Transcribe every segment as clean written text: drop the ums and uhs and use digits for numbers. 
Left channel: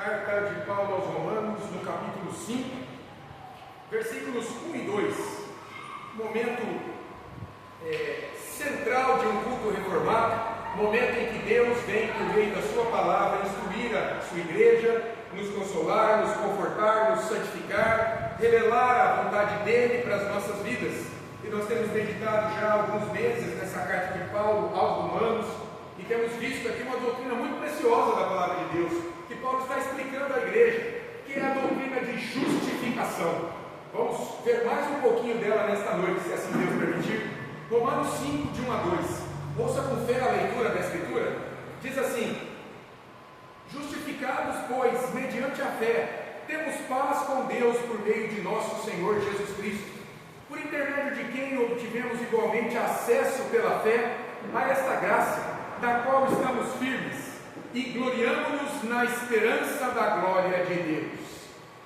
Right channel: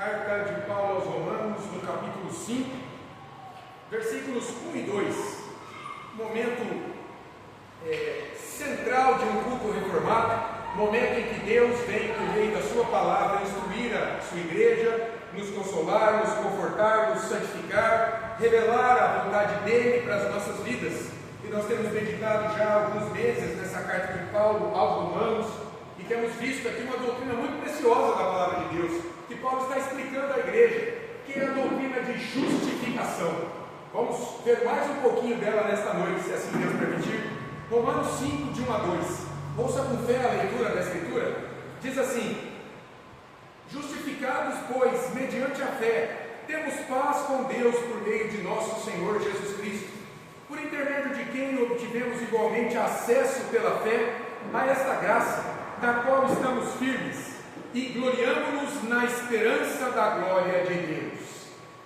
Carta de Paulo aos Romanos, no capítulo 5, versículos 1 e 2, momento central de um culto reformado, momento em que Deus vem por meio da sua palavra instruir a sua igreja, nos consolar, nos confortar, nos santificar, revelar a vontade dele para as nossas vidas. E nós temos meditado já há alguns meses nessa carta de Paulo aos Romanos, e temos visto aqui uma doutrina muito preciosa da palavra de Deus, que Paulo está explicando à igreja, que é a doutrina de justificação. Vamos ver mais um pouquinho dela nesta noite, se assim Deus permitir. Romanos 5, de 1 a 2. Ouça com fé a leitura da Escritura. Diz assim: justificados, pois, mediante a fé, temos paz com Deus por meio de nosso Senhor Jesus Cristo, por intermédio de quem obtivemos igualmente acesso pela fé a esta graça, da qual estamos firmes, e gloriamo-nos na esperança da glória de Deus.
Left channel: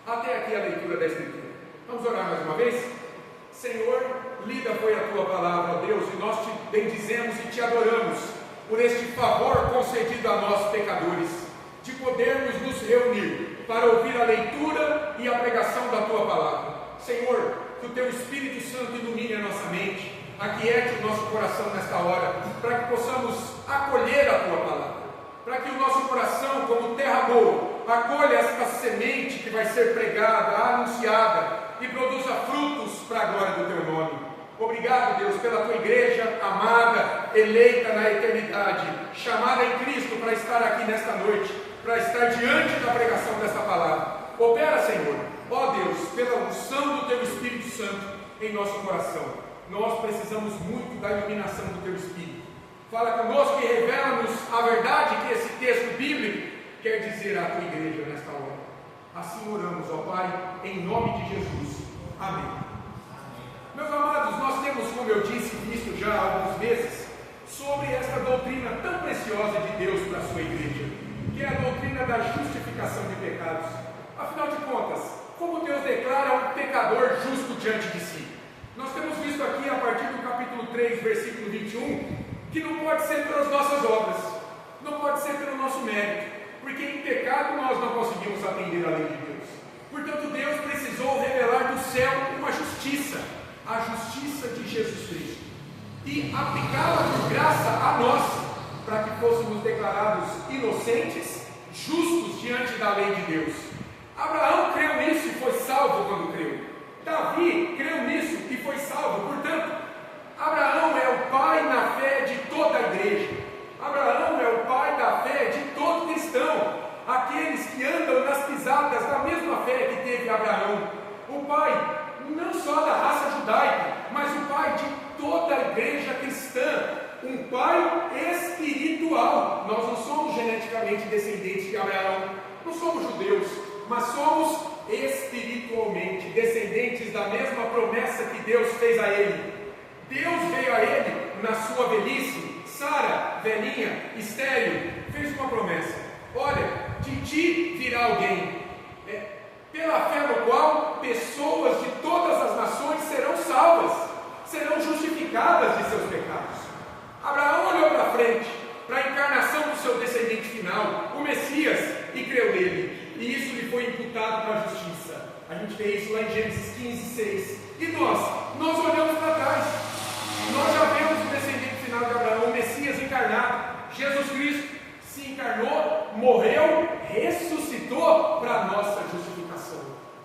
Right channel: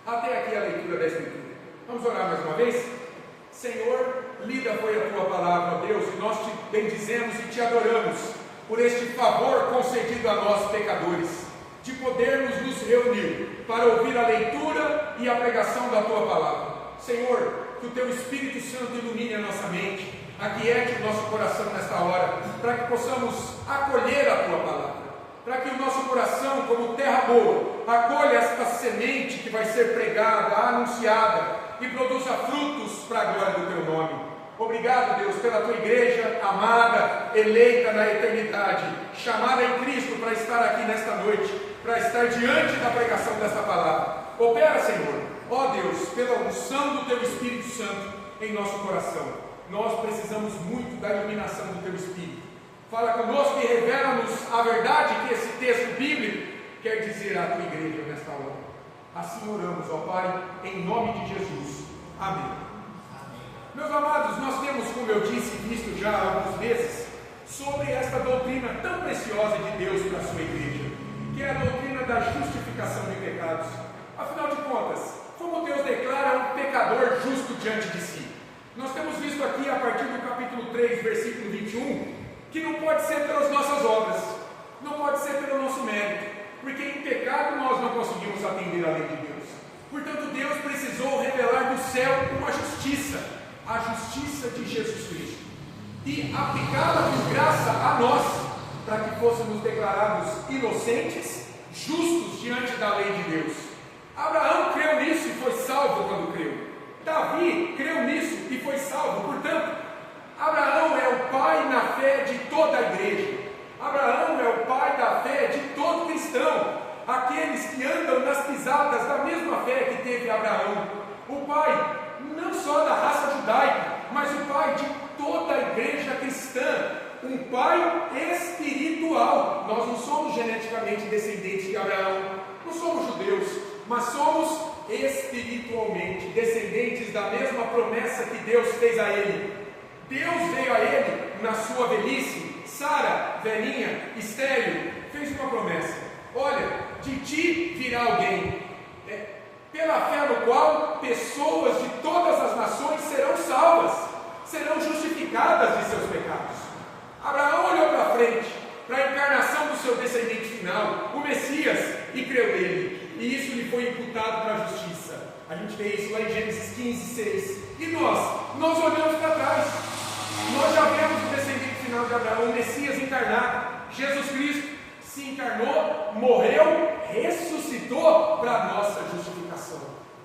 Até aqui a leitura da Escritura. Vamos orar mais uma vez? Senhor, lida foi a tua palavra, ó Deus, e nós te bendizemos e te adoramos por este favor concedido a nós pecadores, de podermos nos reunir para ouvir a leitura e a pregação da tua palavra. Senhor, que o teu Espírito Santo ilumine a nossa mente, aquiete o nosso coração nesta hora, para que possamos acolher a tua palavra, para que o nosso coração, como terra boa, acolha esta semente que vai ser pregada, anunciada, e produza frutos para a glória do teu nome. Obrigado, Deus, pela tua igreja amada, eleita na eternidade, chamada em Cristo para estar aqui nesta noite, para estar diante da pregação desta palavra. Opera, Senhor, ó Deus, pela unção do teu Espírito Santo em nosso coração. Nós precisamos muito da iluminação do teu Espírito. Fala conosco e revela-nos a verdade que esse texto bíblico quer dizer à tua igreja nesta hora. Assim oramos, ó Pai, em nome de Jesus. Amém. Meus amados, nós temos, como eu disse, visto já há alguns meses sobre esta doutrina tão preciosa de Deus para a sua igreja, que é a doutrina da justificação de pecados. Afinal de contas, como Deus declara um pecador justo diante de si? Nós temos visto aqui, a partir do capítulo 3, versículo 21, que não pode ser pelas nossas obras, não pode ser pelo nosso mérito, porque em pecado nós não conseguimos atender a lei de Deus. Portanto, Deus precisou revelar do céu uma justiça, a justiça de Jesus Cristo, e aplicá-la por graça a nós, para que fôssemos declarados inocentes, justos diante da lei de Deus. Abraão creu nisso e foi salvo quando creu. Davi creu nisso e foi salvo. Portanto, Abraão é o pai na fé de toda a igreja. Abraão é o pai da fé de todo cristão, aqueles que andam nas pisadas da mesma fé que teve Abraão. O pai não só da raça judaica, mas o pai de toda a igreja cristã, um pai espiritual. Nós não somos geneticamente descendentes de Abraão, não somos judeus, mas somos espiritualmente descendentes da mesma promessa que Deus fez a ele. Deus veio a ele na sua velhice. Sara, velhinha, estéril, fez uma promessa: olha, de ti virá alguém, pela fé no qual pessoas de todas as nações serão salvas, serão justificadas de seus pecados. Abraão olhou para frente, para a encarnação do seu descendente final, o Messias, e creu nele, e isso lhe foi imputado para a justiça. A gente vê isso lá em Gênesis 15, 6. E nós olhamos para trás, nós já vemos o descendente final de Abraão, o Messias encarnado, Jesus Cristo, se encarnou, morreu, ressuscitou para a nossa justificação.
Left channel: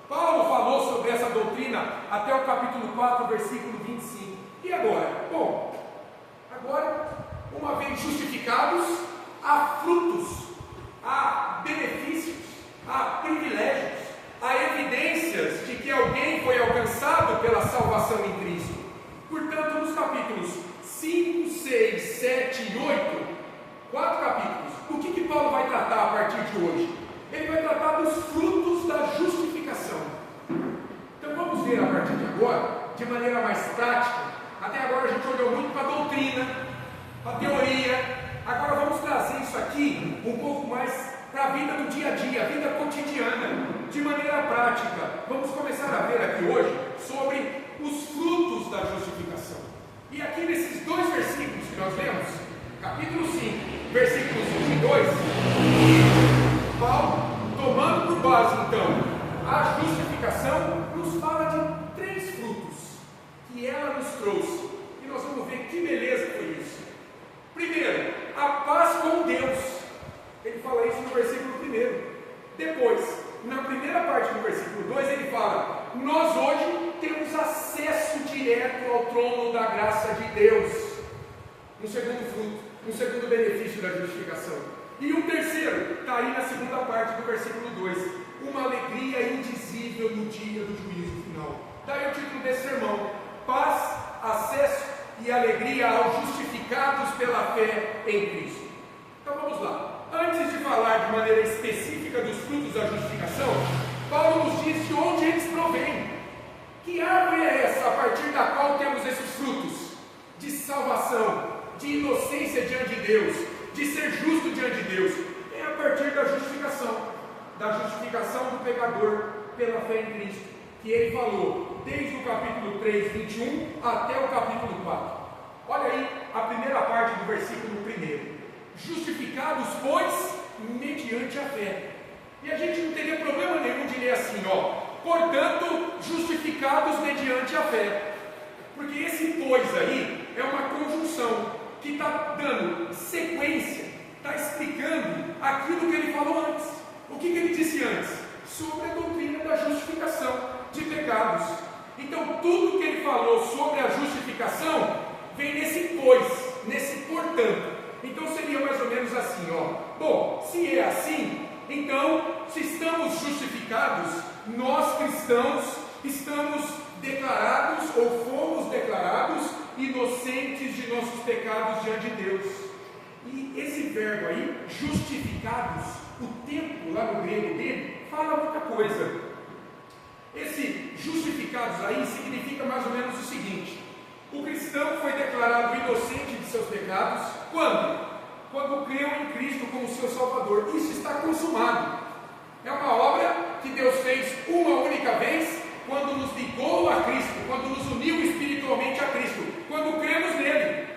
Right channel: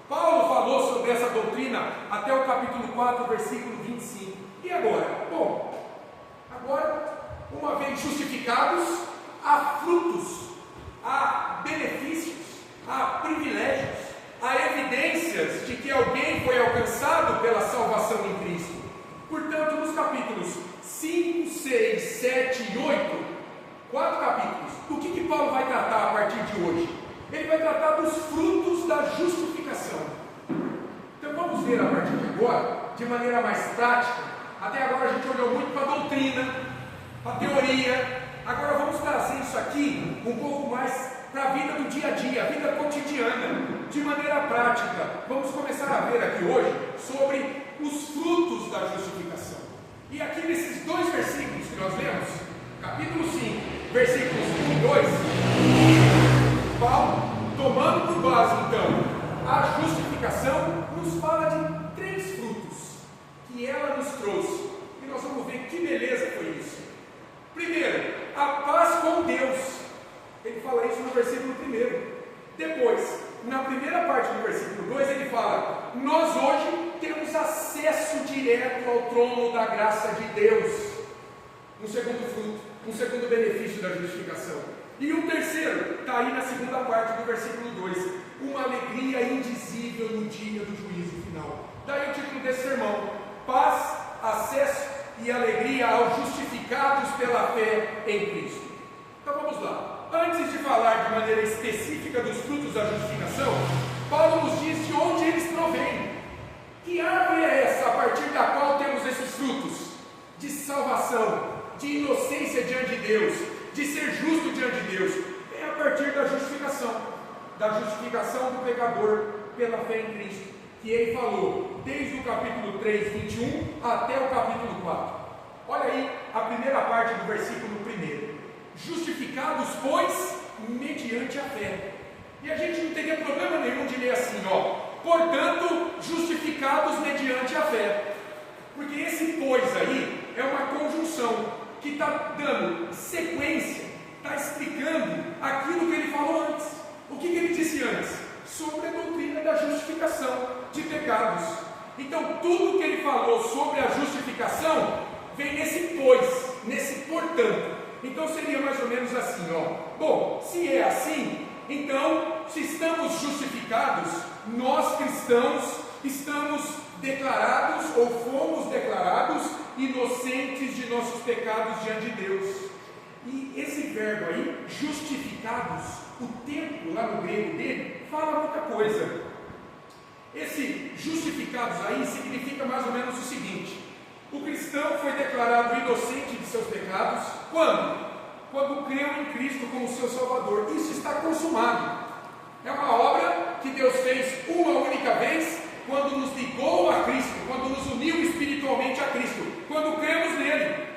Paulo falou sobre essa doutrina até o capítulo 4, versículo 25. E agora? Bom, agora, uma vez justificados, há frutos, há benefícios, há privilégios, há evidências de que alguém foi alcançado pela salvação em Cristo. Portanto, nos capítulos 5, 6, 7 e 8, 4 capítulos, do que Paulo vai tratar a partir de hoje? Ele vai tratar dos frutos da justificação. Então vamos ver a partir de agora, de maneira mais prática. Até agora a gente olhou muito para a doutrina, para a teoria. Agora vamos trazer isso aqui um pouco mais para a vida do dia a dia, a vida cotidiana, de maneira prática. Vamos começar a ver aqui hoje sobre os frutos da justificação. E aqui nesses dois versículos que nós lemos, capítulo 5, versículos 1 e 2, Paulo Tomando por base, então, a justificação, nos fala de 3 frutos que ela nos trouxe. E nós vamos ver que beleza foi isso. Primeiro, a paz com Deus. Ele fala isso no versículo 1. Depois, na primeira parte do versículo 2, ele fala: nós hoje temos acesso direto ao trono da graça de Deus. Um segundo fruto, um segundo benefício da justificação. E um terceiro, está aí na segunda parte do versículo 2: uma alegria indizível no dia do juízo final. Daí o título desse sermão: paz, acesso e alegria aos justificados pela fé em Cristo. Então vamos lá. Antes de falar de maneira específica dos frutos da justificação, Paulo nos diz de onde eles provêm. Que árvore é essa a partir da qual temos esses frutos? De salvação, de inocência diante de Deus, de ser justo diante de Deus. É a partir da justificação do pecador pela fé em Cristo, que ele falou desde o capítulo 3, 21 até o capítulo 4. Olha aí a primeira parte do versículo 1. Justificados, pois, mediante a fé. E a gente não teria problema nenhum de ler assim, portanto, justificados mediante a fé. Porque esse pois aí é uma conjunção que está dando sequência, está explicando aquilo que ele falou antes. O que ele disse antes? Sobre a doutrina da justificação de pecados. Então, tudo que ele falou sobre a justificação vem nesse pois, nesse portanto. Então seria mais ou menos assim, bom, se é assim, então, se estamos justificados, nós cristãos estamos declarados ou fomos declarados inocentes de nossos pecados diante de Deus. E esse verbo aí, justificados, o tempo lá no grego dele fala muita coisa. Esse justificados aí significa mais ou menos o seguinte: o cristão foi declarado inocente de seus pecados quando? Quando creu em Cristo como seu Salvador. Isso está consumado. É uma obra que Deus fez uma única vez, quando nos ligou a Cristo, quando nos uniu espiritualmente a Cristo, quando cremos nele.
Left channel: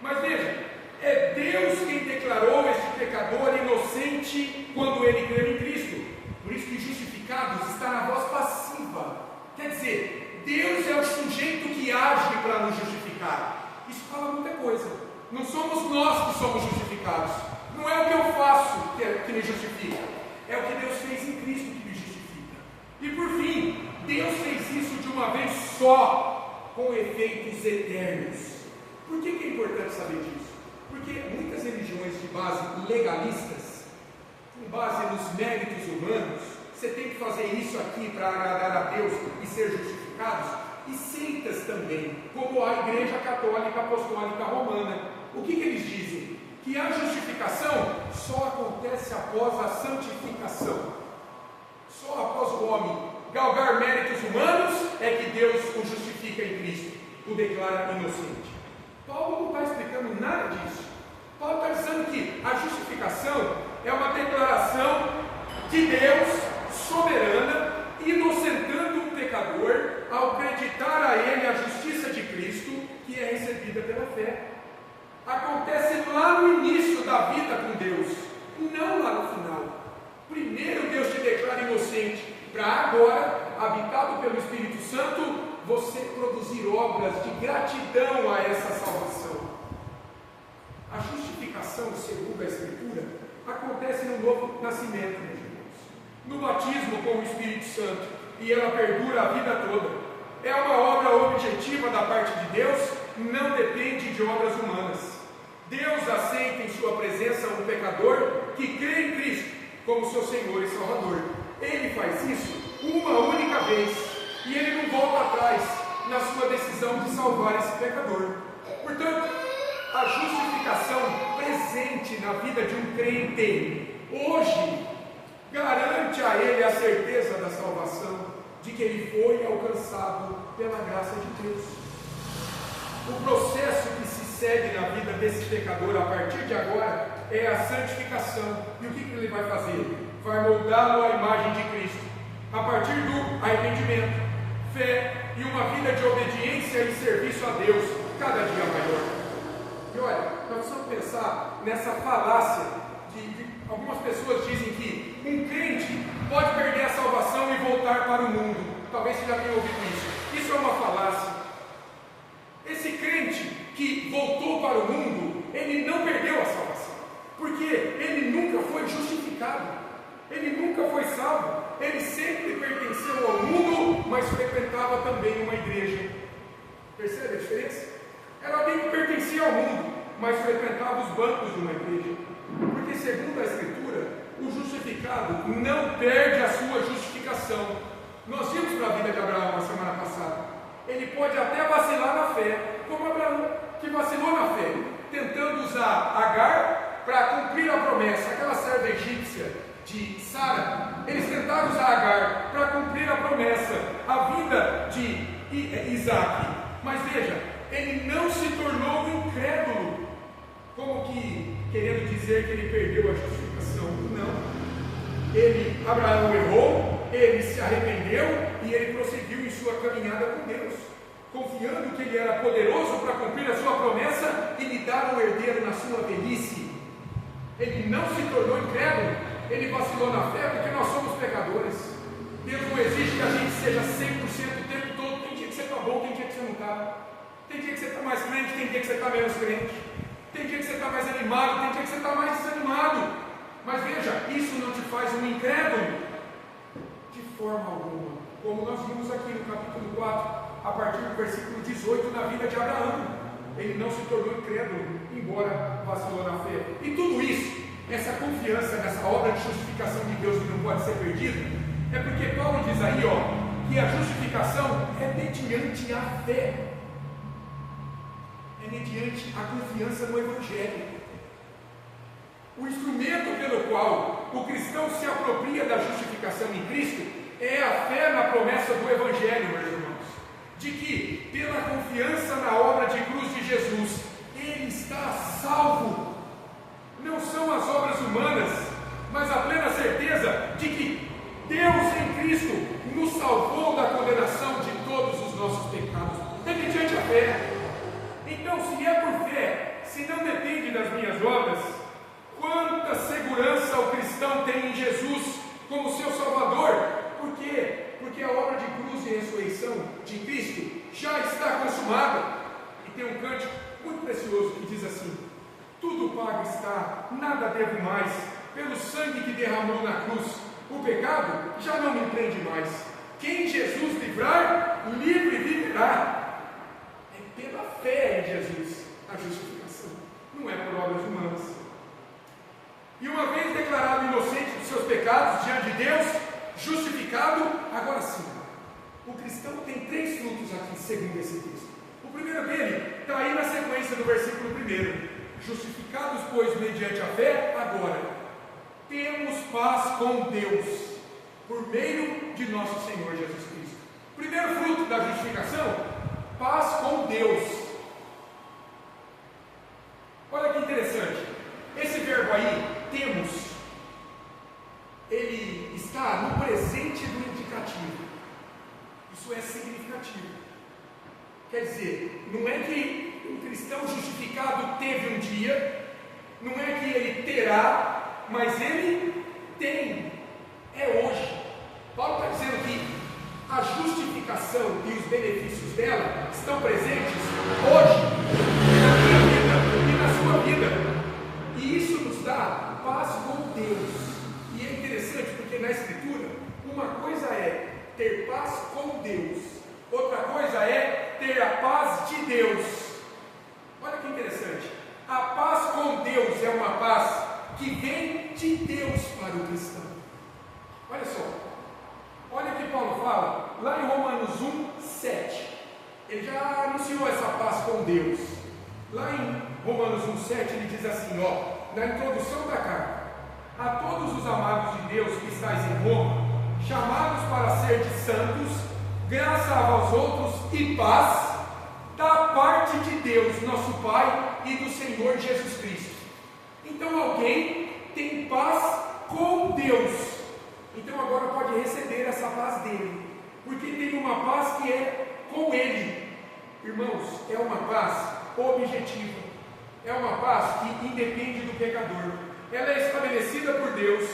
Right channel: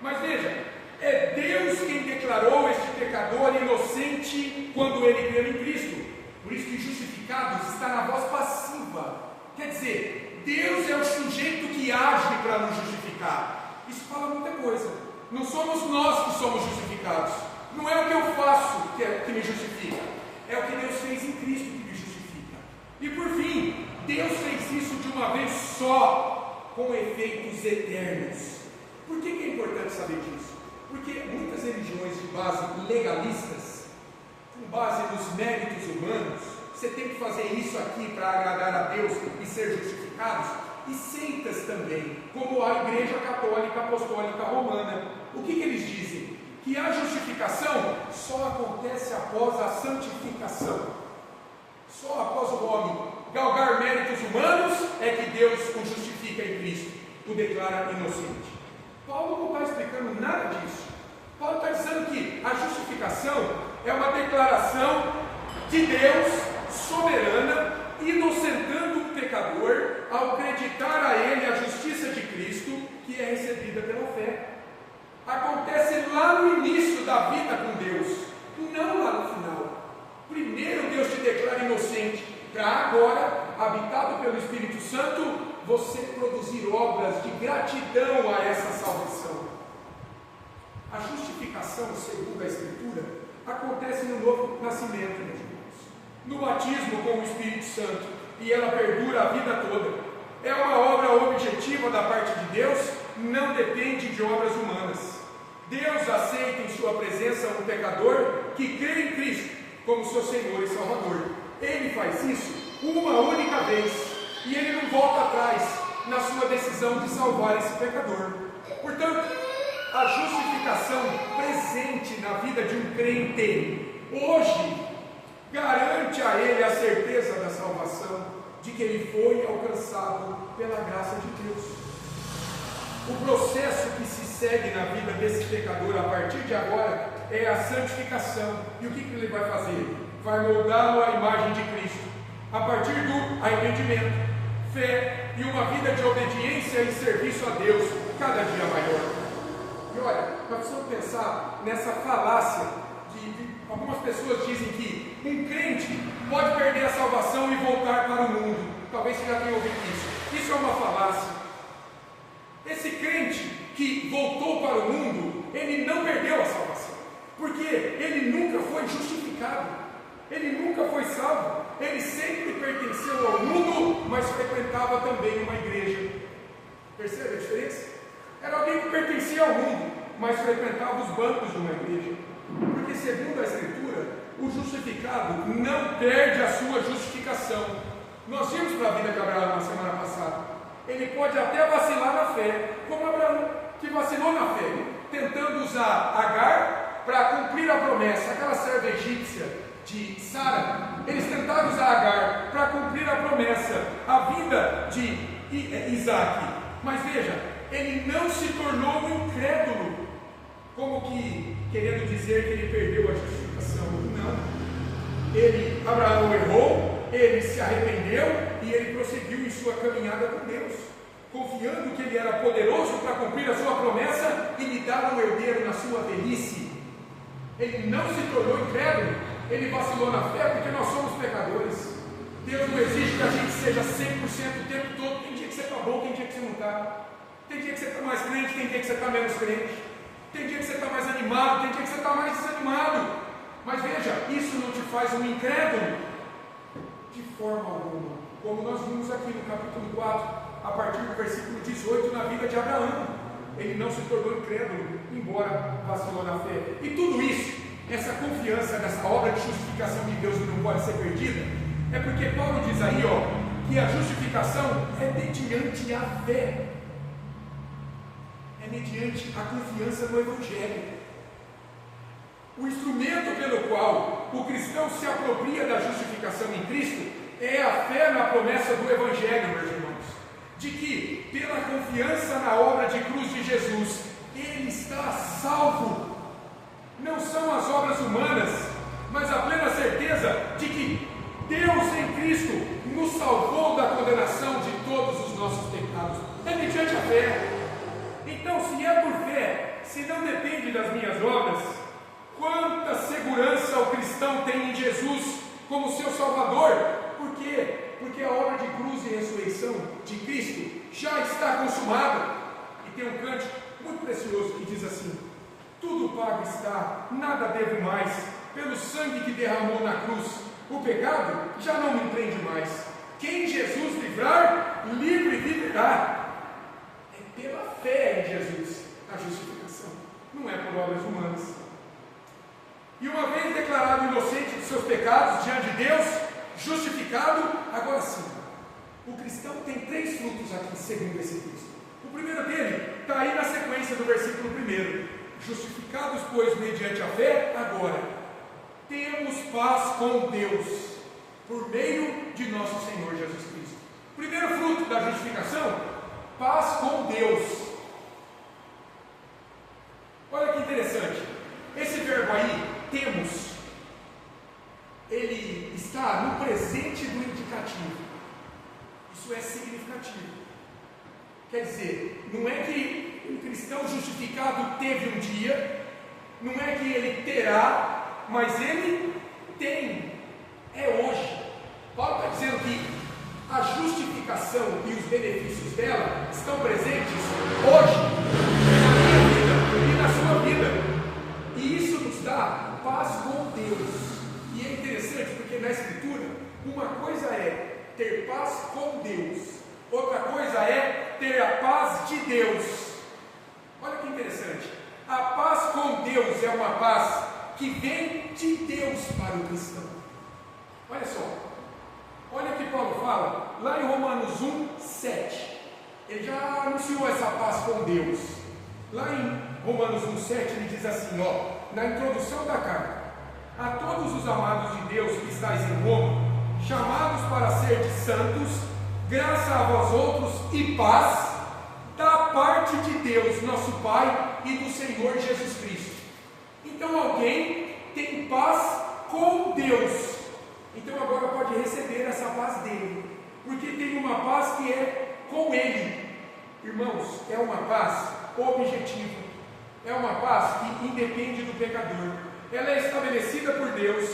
Mas veja, é Deus quem declarou este pecador inocente quando ele creu em Cristo. Por isso que justificados está na voz passiva. Quer dizer, Deus é o sujeito que age para nos justificar. Isso fala muita coisa. Não somos nós que somos justificados. Não é o que eu faço que me justifica. É o que Deus fez em Cristo que me justifica. E por fim, Deus fez isso de uma vez só, com efeitos eternos. Por que é importante saber disso? Porque muitas religiões de base legalistas, com base nos méritos humanos, você tem que fazer isso aqui para agradar a Deus e ser justificados, e seitas também, como a Igreja Católica Apostólica Romana. O que eles dizem? Que a justificação só acontece após a santificação. Só após o homem galgar méritos humanos é que Deus o justifica em Cristo, o declara inocente. Paulo não está explicando nada disso. Paulo está dizendo que a justificação é uma declaração de Deus soberana, inocentando um pecador ao acreditar a ele a justiça de Cristo, que é recebida pela fé. Acontece lá no início da vida com Deus, não lá no final. Primeiro Deus te declara inocente, para agora, habitado pelo Espírito Santo, você produzir obras de gratidão a essa salvação. A justificação, segundo a Escritura, acontece no novo nascimento, meus irmãos, no batismo com o Espírito Santo, e ela perdura a vida toda. É uma obra objetiva da parte de Deus, não depende de obras humanas. Deus aceita em sua presença um pecador que crê em Cristo como seu Senhor e Salvador. Ele faz isso uma única vez, e ele não volta atrás na sua decisão de salvar esse pecador. Portanto, a justificação presente na vida de um crente hoje garante a ele a certeza da salvação, de que ele foi alcançado pela graça de Deus. O processo que se segue na vida desse pecador a partir de agora é a santificação. E o que ele vai fazer? Vai moldá-lo à imagem de Cristo, a partir do arrependimento, fé e uma vida de obediência e serviço a Deus cada dia maior. E olha, nós precisamos pensar nessa falácia algumas pessoas dizem que um crente pode perder a salvação e voltar para o mundo. Talvez você já tenha ouvido isso. Isso é uma falácia. Esse crente que voltou para o mundo, ele não perdeu a salvação, porque ele nunca foi justificado, ele nunca foi salvo, ele sempre pertenceu ao mundo, mas frequentava também uma igreja. Percebe a diferença? Era alguém que pertencia ao mundo, mas frequentava os bancos de uma igreja. Porque segundo a Escritura, o justificado não perde a sua justificação. Nós vimos para a vida de Abraão na semana passada. Ele pode até vacilar na fé, como Abraão, que vacilou na fé, tentando usar Agar para cumprir a promessa. Aquela serva egípcia de Sara, eles tentaram usar Agar para cumprir a promessa, a vida de Isaac. Mas veja, ele não se tornou um incrédulo, como que querendo dizer que ele perdeu a justificação. Não. Abraão errou, ele se arrependeu e ele prosseguiu em sua caminhada com Deus, confiando que ele era poderoso para cumprir a sua promessa e lhe dar um herdeiro na sua velhice. Ele não se tornou incrédulo, ele vacilou na fé porque nós somos pecadores. Deus não exige que a gente seja 100% o tempo todo. Tem dia que você está bom, tem dia que você não está. Tem dia que você está mais crente, tem dia que você está menos crente. Tem dia que você está mais animado, tem dia que você está mais desanimado. Mas veja, isso não te faz um incrédulo de forma alguma, como nós vimos aqui no capítulo 4, a partir do versículo 18, na vida de Abraão. Ele não se tornou incrédulo, embora vacilou na fé. E tudo isso, essa confiança nessa obra de justificação de Deus que não pode ser perdida, é porque Paulo diz aí, que a justificação é mediante a fé, é mediante a confiança no Evangelho. O instrumento pelo qual o cristão se apropria da justificação em Cristo é a fé na promessa do Evangelho, meus irmãos, de que pela confiança na obra de cruz de Jesus, ele está salvo. Não são as obras humanas, mas a plena certeza de que Deus em Cristo nos salvou da condenação de todos os nossos pecados. É mediante a fé. Então, se é por fé, se não depende das minhas obras, quanta segurança o cristão tem em Jesus como seu Salvador. Por quê? Porque a obra de cruz e ressurreição de Cristo já está consumada. E tem um cântico muito precioso que diz assim: tudo pago está, nada devo mais, pelo sangue que derramou na cruz, o pecado já não me prende mais. Quem Jesus livrar, livre viverá. É pela fé em Jesus a justificação, não é por obras humanas. E uma vez declarado inocente dos seus pecados diante de Deus, justificado, agora sim, o cristão tem 3 frutos aqui, segundo esse texto. O primeiro dele está aí na sequência do versículo 1. Justificados, pois, mediante a fé, agora temos paz com Deus, por meio de nosso Senhor Jesus Cristo. Primeiro fruto da justificação, paz com Deus. Olha que interessante, esse verbo aí, temos, ele está no presente do indicativo. Isso é significativo. Quer dizer, não é que um cristão justificado teve um dia, não é que ele terá, mas ele tem, é hoje. Paulo está dizendo que a justificação e os benefícios dela estão presentes hoje, na minha vida e na sua vida. E isso nos dá paz com Deus. E é interessante porque na Escritura, uma coisa é ter paz com Deus, outra coisa é ter a paz de Deus. Olha que interessante, a paz com Deus é uma paz que vem de Deus para o cristão. Olha só, olha o que Paulo fala lá em Romanos 1:7. Ele já anunciou essa paz com Deus. Lá em Romanos 1:7 ele diz assim, na introdução da carta: a todos os amados de Deus que estáis em Roma, chamados para serdes santos, graça a vós outros e paz da parte de Deus, nosso Pai, e do Senhor Jesus Cristo. Então alguém tem paz com Deus, então agora pode receber essa paz dele, porque tem uma paz que é com ele. Irmãos, é uma paz objetiva, é uma paz que independe do pecador. ela é estabelecida por Deus,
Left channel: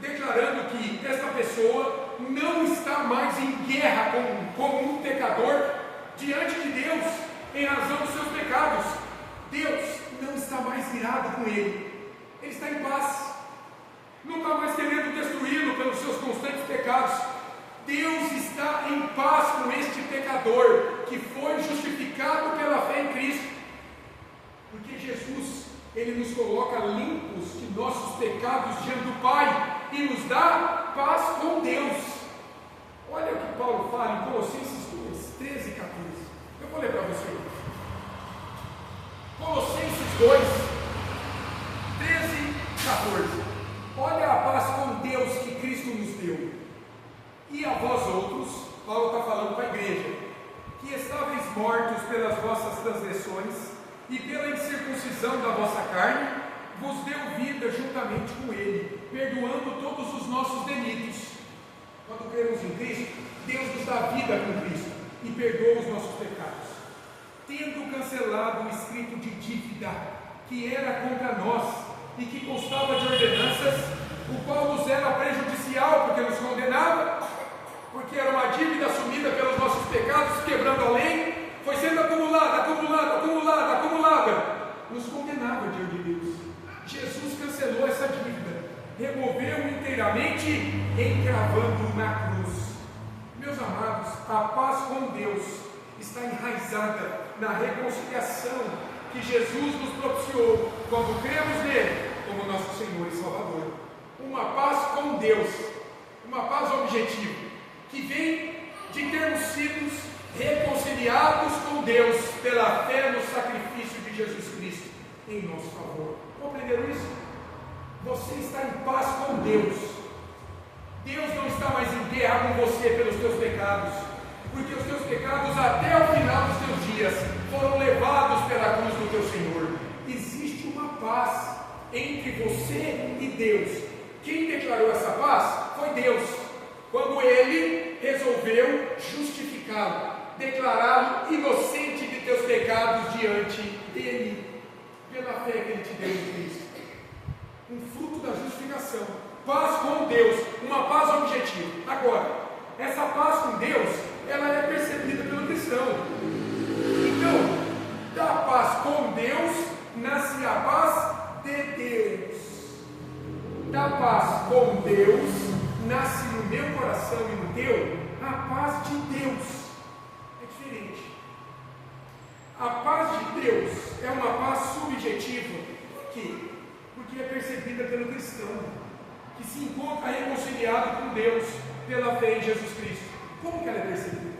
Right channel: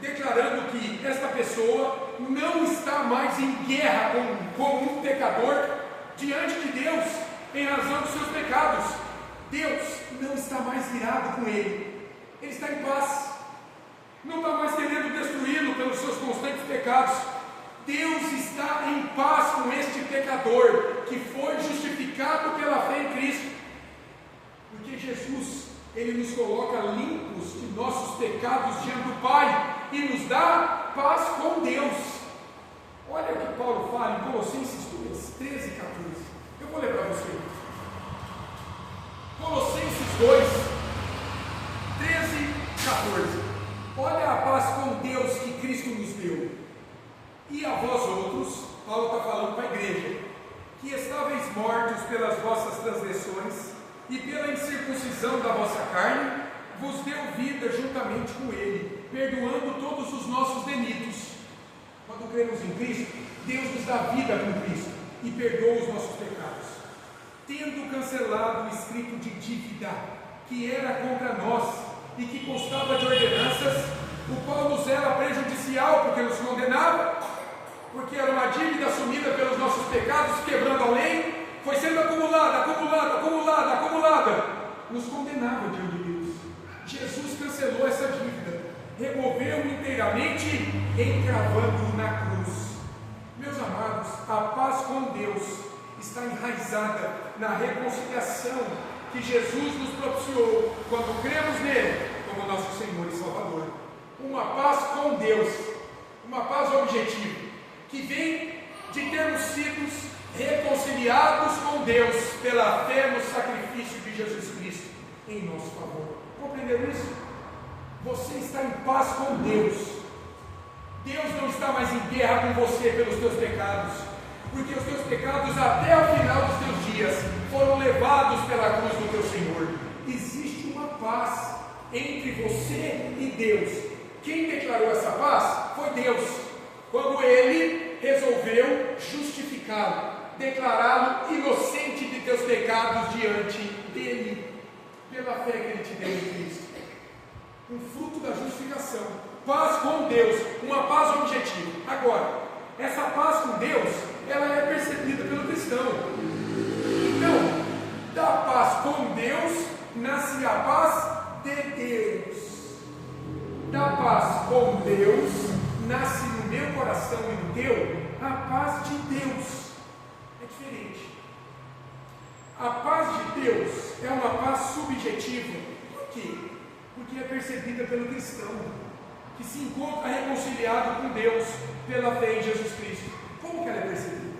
declarando que esta pessoa não está mais em guerra como um pecador diante de Deus, em razão dos seus pecados. Deus não está mais irado com ele está em paz, não está mais querendo destruí-lo pelos seus constantes pecados. Deus está em paz com este pecador que foi justificado pela fé em Cristo, porque Jesus, Ele nos coloca limpos de nossos pecados diante do Pai e nos dá paz com Deus. Olha o que Paulo fala em Colossenses 2, 13 e 14. Eu vou ler para você. Colossenses 2, 13 e 14. Olha a paz com Deus que Cristo nos deu. E a vós outros, Paulo está falando para a igreja, que estáveis mortos pelas vossas transgressões e pela incircuncisão da vossa carne, vos deu vida juntamente com Ele, perdoando todos os nossos delitos. Quando cremos em Cristo, Deus nos dá vida com Cristo e perdoa os nossos pecados, tendo cancelado o escrito de dívida que era contra nós e que constava de ordenanças, o qual nos era prejudicial, porque nos condenava, porque era uma dívida assumida pelos nossos pecados, quebrando a lei, foi sendo acumulada, nos condenava diante de Deus. Jesus cancelou essa dívida, removeu inteiramente, encravando na cruz. Meus amados, a paz com Deus está enraizada na reconciliação que Jesus nos propiciou quando cremos nele como nosso Senhor e Salvador. Uma paz com Deus, uma paz objetiva, que vem de termos sido reconciliados com Deus pela fé no sacrifício de Jesus Cristo em nosso favor. Compreenderam isso? Você está em paz com Deus. Deus não está mais em guerra com você pelos teus pecados, porque os teus pecados até o final dos teus dias foram levados pela cruz do teu Senhor. Existe uma paz entre você e Deus. Quem declarou essa paz foi Deus, quando Ele resolveu justificá-lo, declará-lo inocente de teus pecados diante dEle, pela fé que Ele te deu em Cristo. Um fruto da justificação, paz com Deus, uma paz objetiva. Agora, essa paz com Deus, ela é percebida pelo cristão. Então, da paz com Deus nasce a paz de Deus. Da paz com Deus nasce no meu coração e no teu a paz de Deus. É diferente. A paz de Deus é uma paz subjetiva. Por quê? Porque é percebida pelo cristão, que se encontra reconciliado com Deus pela fé em Jesus Cristo. Como que ela é percebida?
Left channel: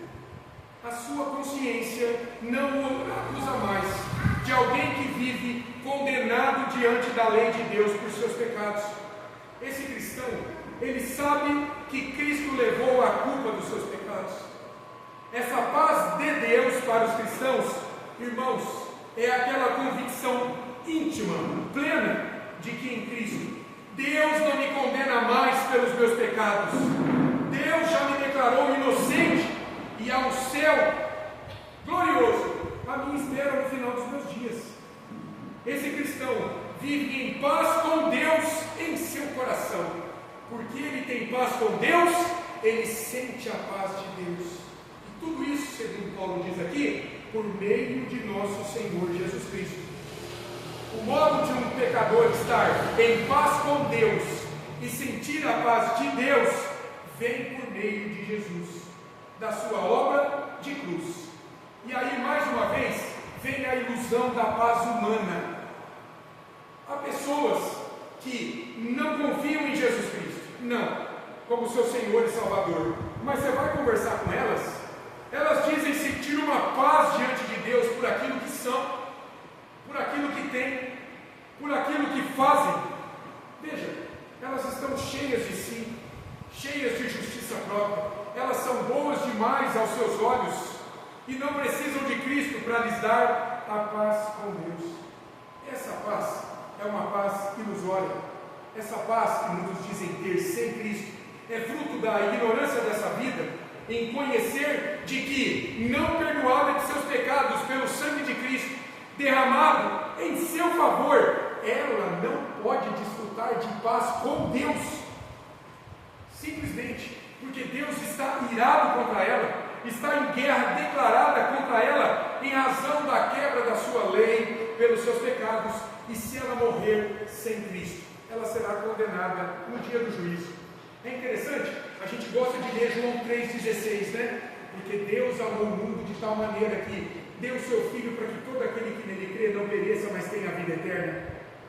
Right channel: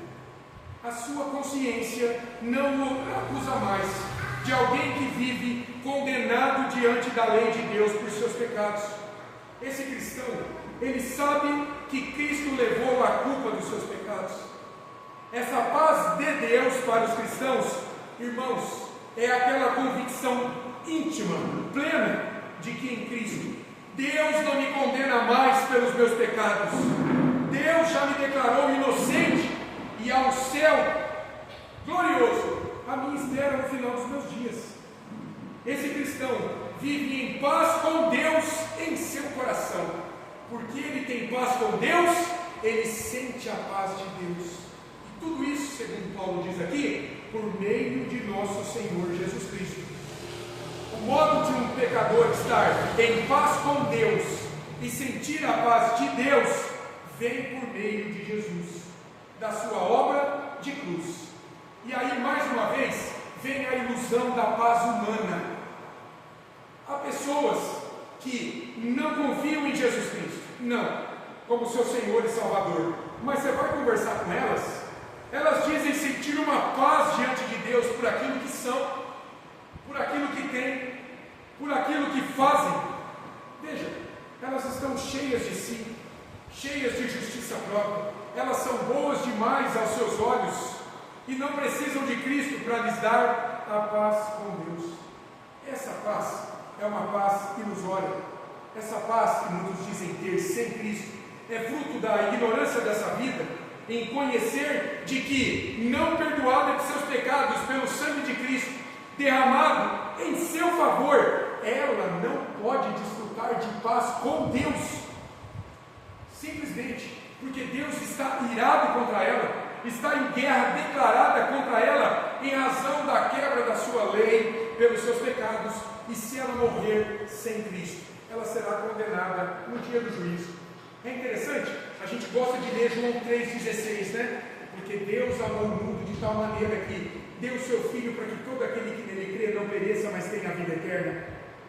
A sua consciência não o acusa mais de alguém que vive condenado diante da lei de Deus por seus pecados. Esse cristão, ele sabe que Cristo levou a culpa dos seus pecados. Essa paz de Deus para os cristãos, irmãos, é aquela convicção íntima, plena, de que em Cristo Deus não me condena mais pelos meus pecados. Deus já me declarou inocente e há um céu glorioso a minha espera no final dos meus dias. Esse cristão vive em paz com Deus em seu coração. Porque ele tem paz com Deus, ele sente a paz de Deus. E tudo isso, segundo Paulo diz aqui, por meio de nosso Senhor Jesus Cristo. O modo de um pecador estar em paz com Deus e sentir a paz de Deus vem por meio de Jesus, da sua obra de cruz. E aí, mais uma vez, vem a ilusão da paz humana. Há pessoas que não confiam em Jesus Cristo, não, como seu Senhor e Salvador, mas você vai conversar com elas, elas dizem sentir uma paz diante de Deus por aquilo que são, por aquilo que têm, por aquilo que fazem. Veja, elas estão cheias de si, cheias de justiça própria, elas são boas demais aos seus olhos e não precisam de Cristo para lhes dar a paz com Deus. Essa paz é uma paz que nos olha, essa paz que muitos dizem ter sem Cristo, é fruto da ignorância dessa vida, em conhecer de que não perdoado de seus pecados pelo sangue de Cristo, derramado em seu favor, ela não pode desfrutar de paz com Deus, simplesmente porque Deus está irado contra ela, está em guerra declarada contra ela, em razão da quebra da sua lei, pelos seus pecados, e se ela morrer sem Cristo, ela será condenada no dia do juízo. É interessante, a gente gosta de ler João 3,16, né? Porque Deus amou o mundo de tal maneira que deu o seu Filho para que todo aquele que nele crê não pereça, mas tenha a vida eterna.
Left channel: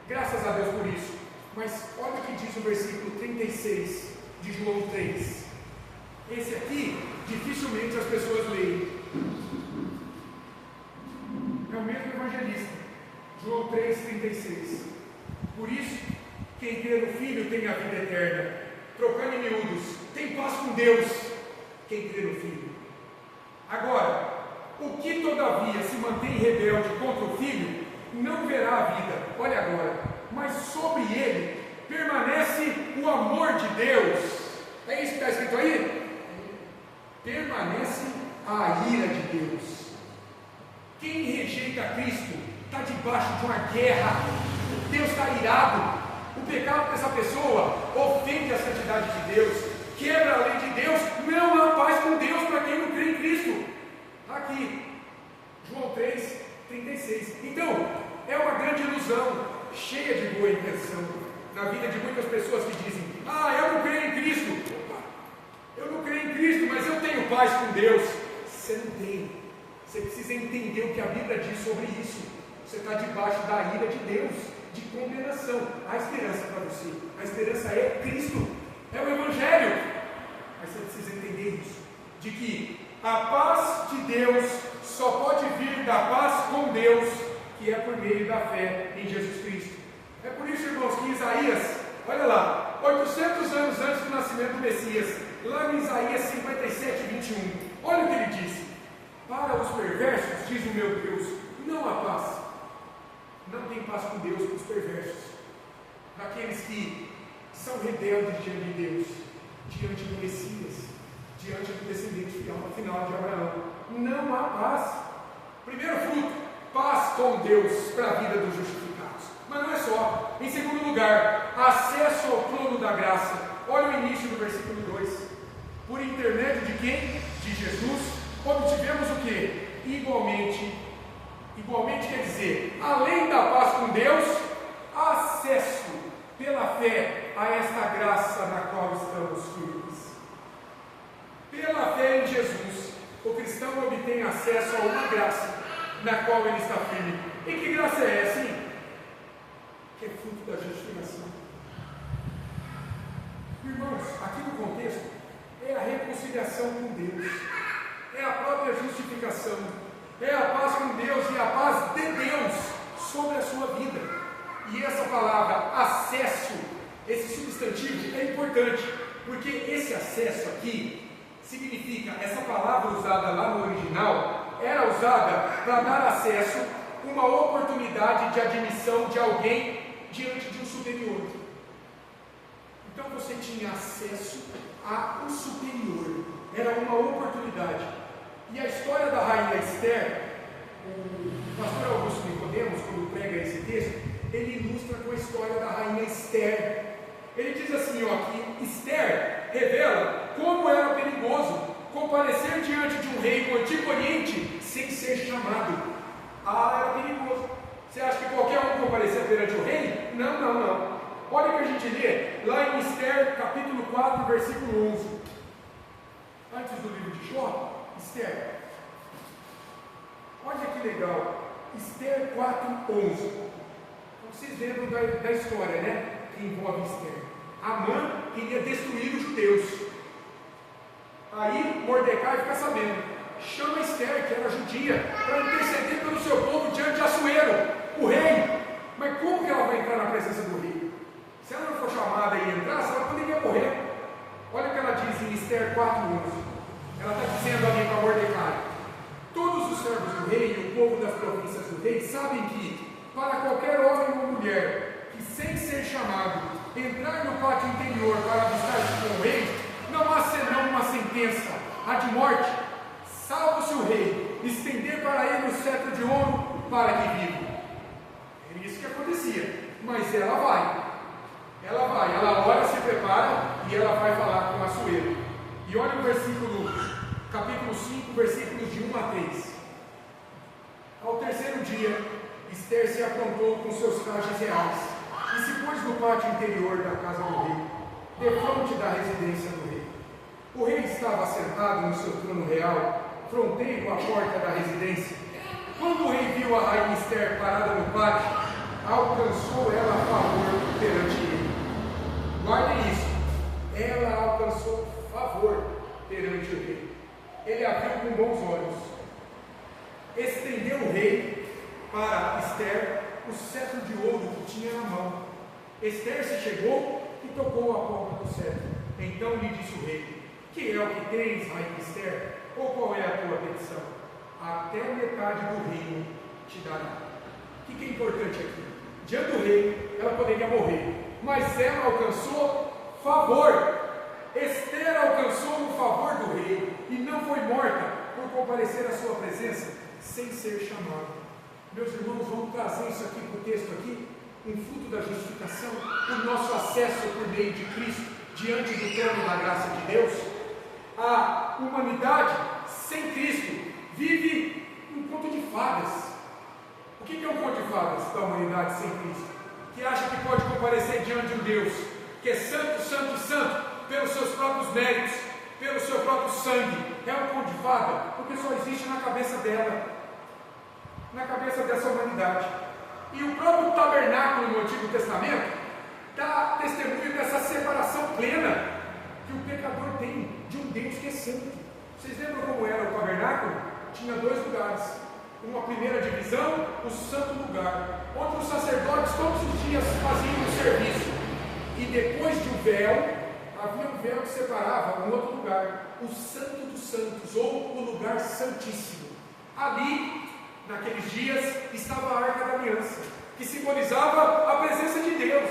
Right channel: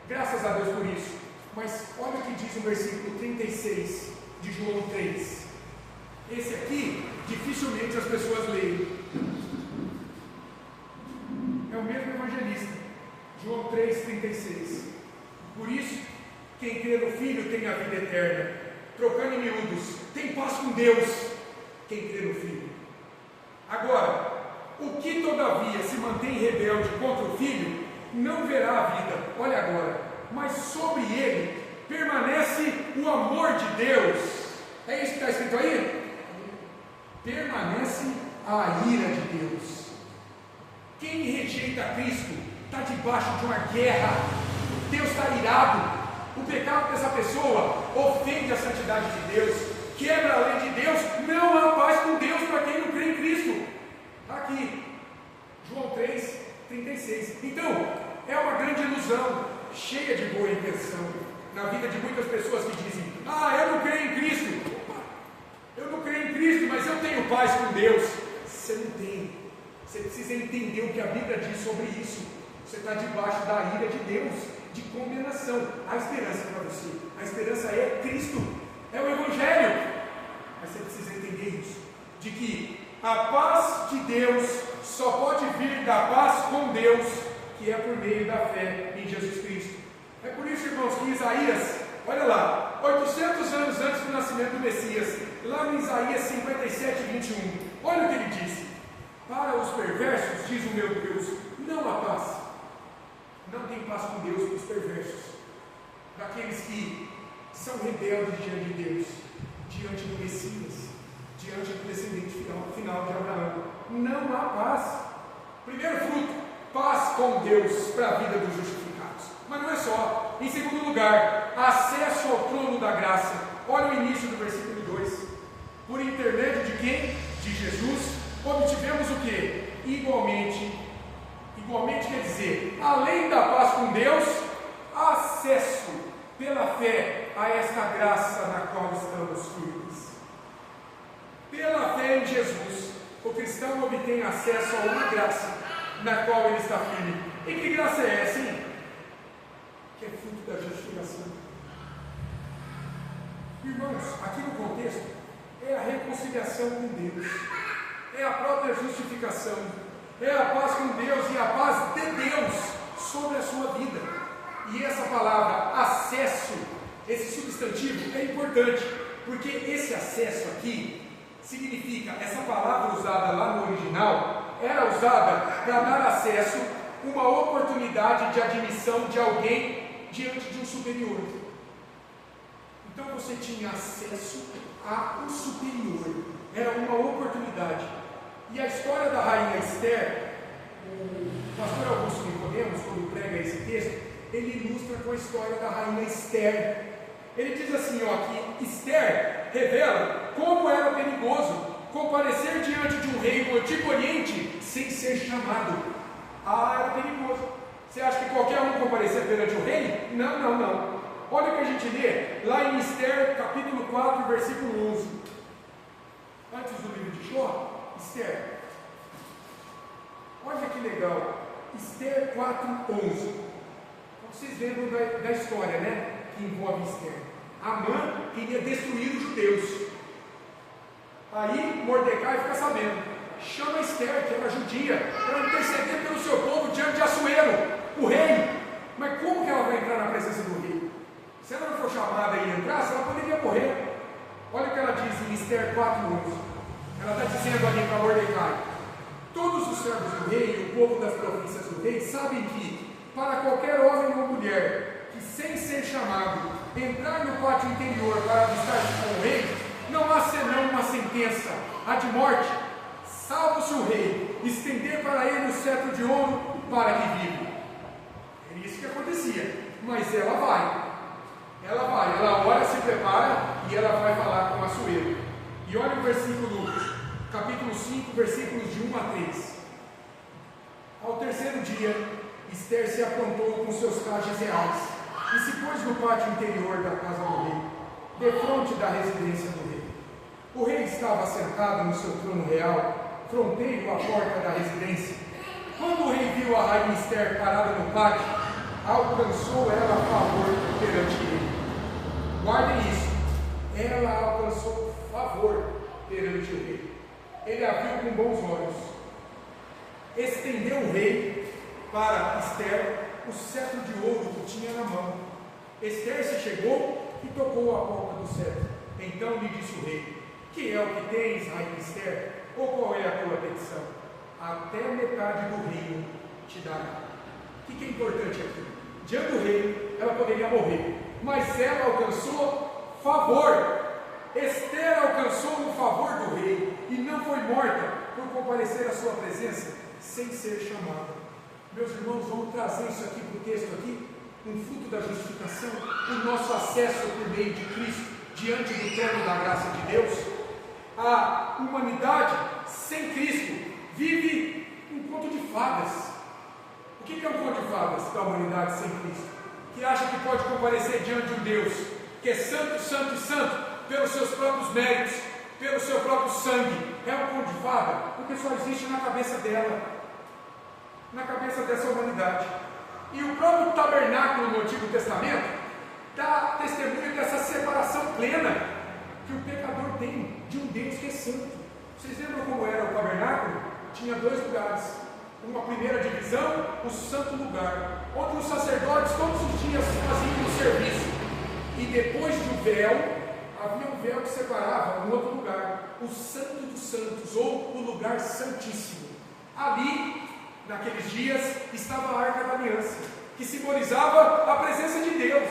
Graças a Deus por isso. Mas olha o que diz o versículo 36 de João 3. Esse aqui, dificilmente as pessoas leem. É o mesmo evangelista. João 3,36. Por isso, quem crê no Filho tem a vida eterna. Trocando em miúdos, tem paz com Deus, quem crê no Filho. Agora, o que todavia se mantém rebelde contra o Filho, não verá a vida, olha agora, mas sobre ele permanece o amor de Deus. É isso que está escrito aí? Permanece a ira de Deus. Quem rejeita Cristo está debaixo de uma guerra. Deus está irado. O pecado dessa pessoa ofende a santidade de Deus, quebra a lei de Deus. Não há paz com Deus para quem não crê em Cristo. Está aqui, João 3,36. Então, é uma grande ilusão, cheia de boa intenção, na vida de muitas pessoas que dizem: eu não creio em Cristo. Opa, eu não creio em Cristo, mas eu tenho paz com Deus. Você não tem. Você precisa entender o que a Bíblia diz sobre isso. Você está debaixo da ira de Deus, de condenação. Há esperança para você. A esperança é Cristo, é o Evangelho. Mas você precisa entender isso, de que a paz de Deus só pode vir da paz com Deus, que é por meio da fé em Jesus Cristo. É por isso, irmãos, que Isaías, olha lá, 800 anos antes do nascimento do Messias, lá em Isaías 57, 21, olha o que ele disse: para os perversos, diz o meu Deus, não há paz. Não tem paz com Deus para os perversos, para aqueles que são rebeldes diante de Deus, diante do Messias, diante do descendente final de Abraão. Não há paz. Primeiro fruto, paz com Deus para a vida dos justificados. Mas não é só. Em segundo lugar, acesso ao trono da graça. Olha o início do versículo 2. Por intermédio de quem? De Jesus, obtivemos o que? Igualmente quer dizer, além da paz com Deus, acesso pela fé a esta graça na qual estamos firmes. Pela fé em Jesus, o cristão obtém acesso a uma graça na qual ele está firme. E que graça é essa, hein? Que é fruto da justificação. Irmãos, aqui no contexto, é a reconciliação com Deus, é a própria justificação, é a paz com Deus e a paz de Deus sobre a sua vida. E essa palavra acesso, esse substantivo é importante, porque esse acesso aqui significa, essa palavra usada lá no original, era usada para dar acesso, uma oportunidade de admissão de alguém diante de um superior. Então você tinha acesso a um superior, era uma oportunidade. E a história da rainha Esther, o pastor Augusto Nicodemos, quando prega esse texto, ele ilustra com a história da rainha Esther. Ele diz assim, que Esther revela como era perigoso comparecer diante de um rei do Antigo Oriente sem ser chamado. Era perigoso. Você acha que qualquer um comparecer perante o rei? Não. Olha o que a gente lê lá em Esther, capítulo 4, versículo 11. Antes do livro de Jó, Esther. Olha que legal. Esther 4:11. Então vocês lembram da história, né? Que envolve Esther. Amã queria destruir os judeus. Aí Mordecai fica sabendo. Chama Esther, que era judia, para interceder pelo seu povo diante de Assuero, o rei. Mas como que ela vai entrar na presença do rei? Se ela não for chamada e entrasse, ela poderia morrer. Olha o que ela diz em Esther 4:11. Ela está dizendo ali para Mordecai: todos os servos do rei e o povo das províncias do rei sabem que, para qualquer homem ou mulher que, sem ser chamado, entrar no pátio interior para avistar-se com o rei, não há senão uma sentença, a de morte, salvo se o rei estender para ele o cetro de ouro para que viva. Era isso que acontecia. mas ela vai. Ela ora, se prepara e ela vai falar com Assuero. E olha o capítulo 5, versículos de 1 a 3. Ao terceiro dia, Ester se aprontou com seus trajes reais e se pôs no pátio interior da casa do rei, defronte da residência do rei. O rei estava sentado no seu trono real, fronteiro à porta da residência. Quando o rei viu a rainha Ester parada no pátio, alcançou ela favor perante ele. Guardem isso, ela alcançou favor perante o rei. Ele a viu com bons olhos. Estendeu o rei para Ester o cetro de ouro que tinha na mão. Ester se chegou e tocou a ponta do cetro. Então lhe disse o rei: que é o que tens, rainha Ester? Ou qual é a tua petição? Até metade do reino te dará. O que é importante aqui? Diante do rei, ela poderia morrer, mas ela alcançou favor. Ester alcançou o favor do rei e não foi morta por comparecer à sua presença sem ser chamada. Meus irmãos, vamos trazer isso aqui para o texto aqui, um fruto da justificação, o nosso acesso por meio de Cristo diante do trono da graça de Deus. A humanidade sem Cristo vive um conto de fadas. O que é um conto de fadas da humanidade sem Cristo? Que acha que pode comparecer diante de um Deus que é santo, santo e santo, pelos seus próprios méritos, pelo seu próprio sangue. É um conto de fada, porque só existe na cabeça dela, na cabeça dessa humanidade. E o próprio tabernáculo no Antigo Testamento dá testemunho dessa separação plena que o pecador tem de um Deus que é santo. Vocês lembram como era o tabernáculo? Tinha dois lugares. Uma primeira divisão, o santo lugar, onde os sacerdotes todos os dias faziam o serviço. E depois de um véu, havia um véu que separava um outro lugar, o Santo dos Santos, ou o lugar santíssimo. Ali, naqueles dias, estava a Arca da Aliança, que simbolizava a presença de Deus.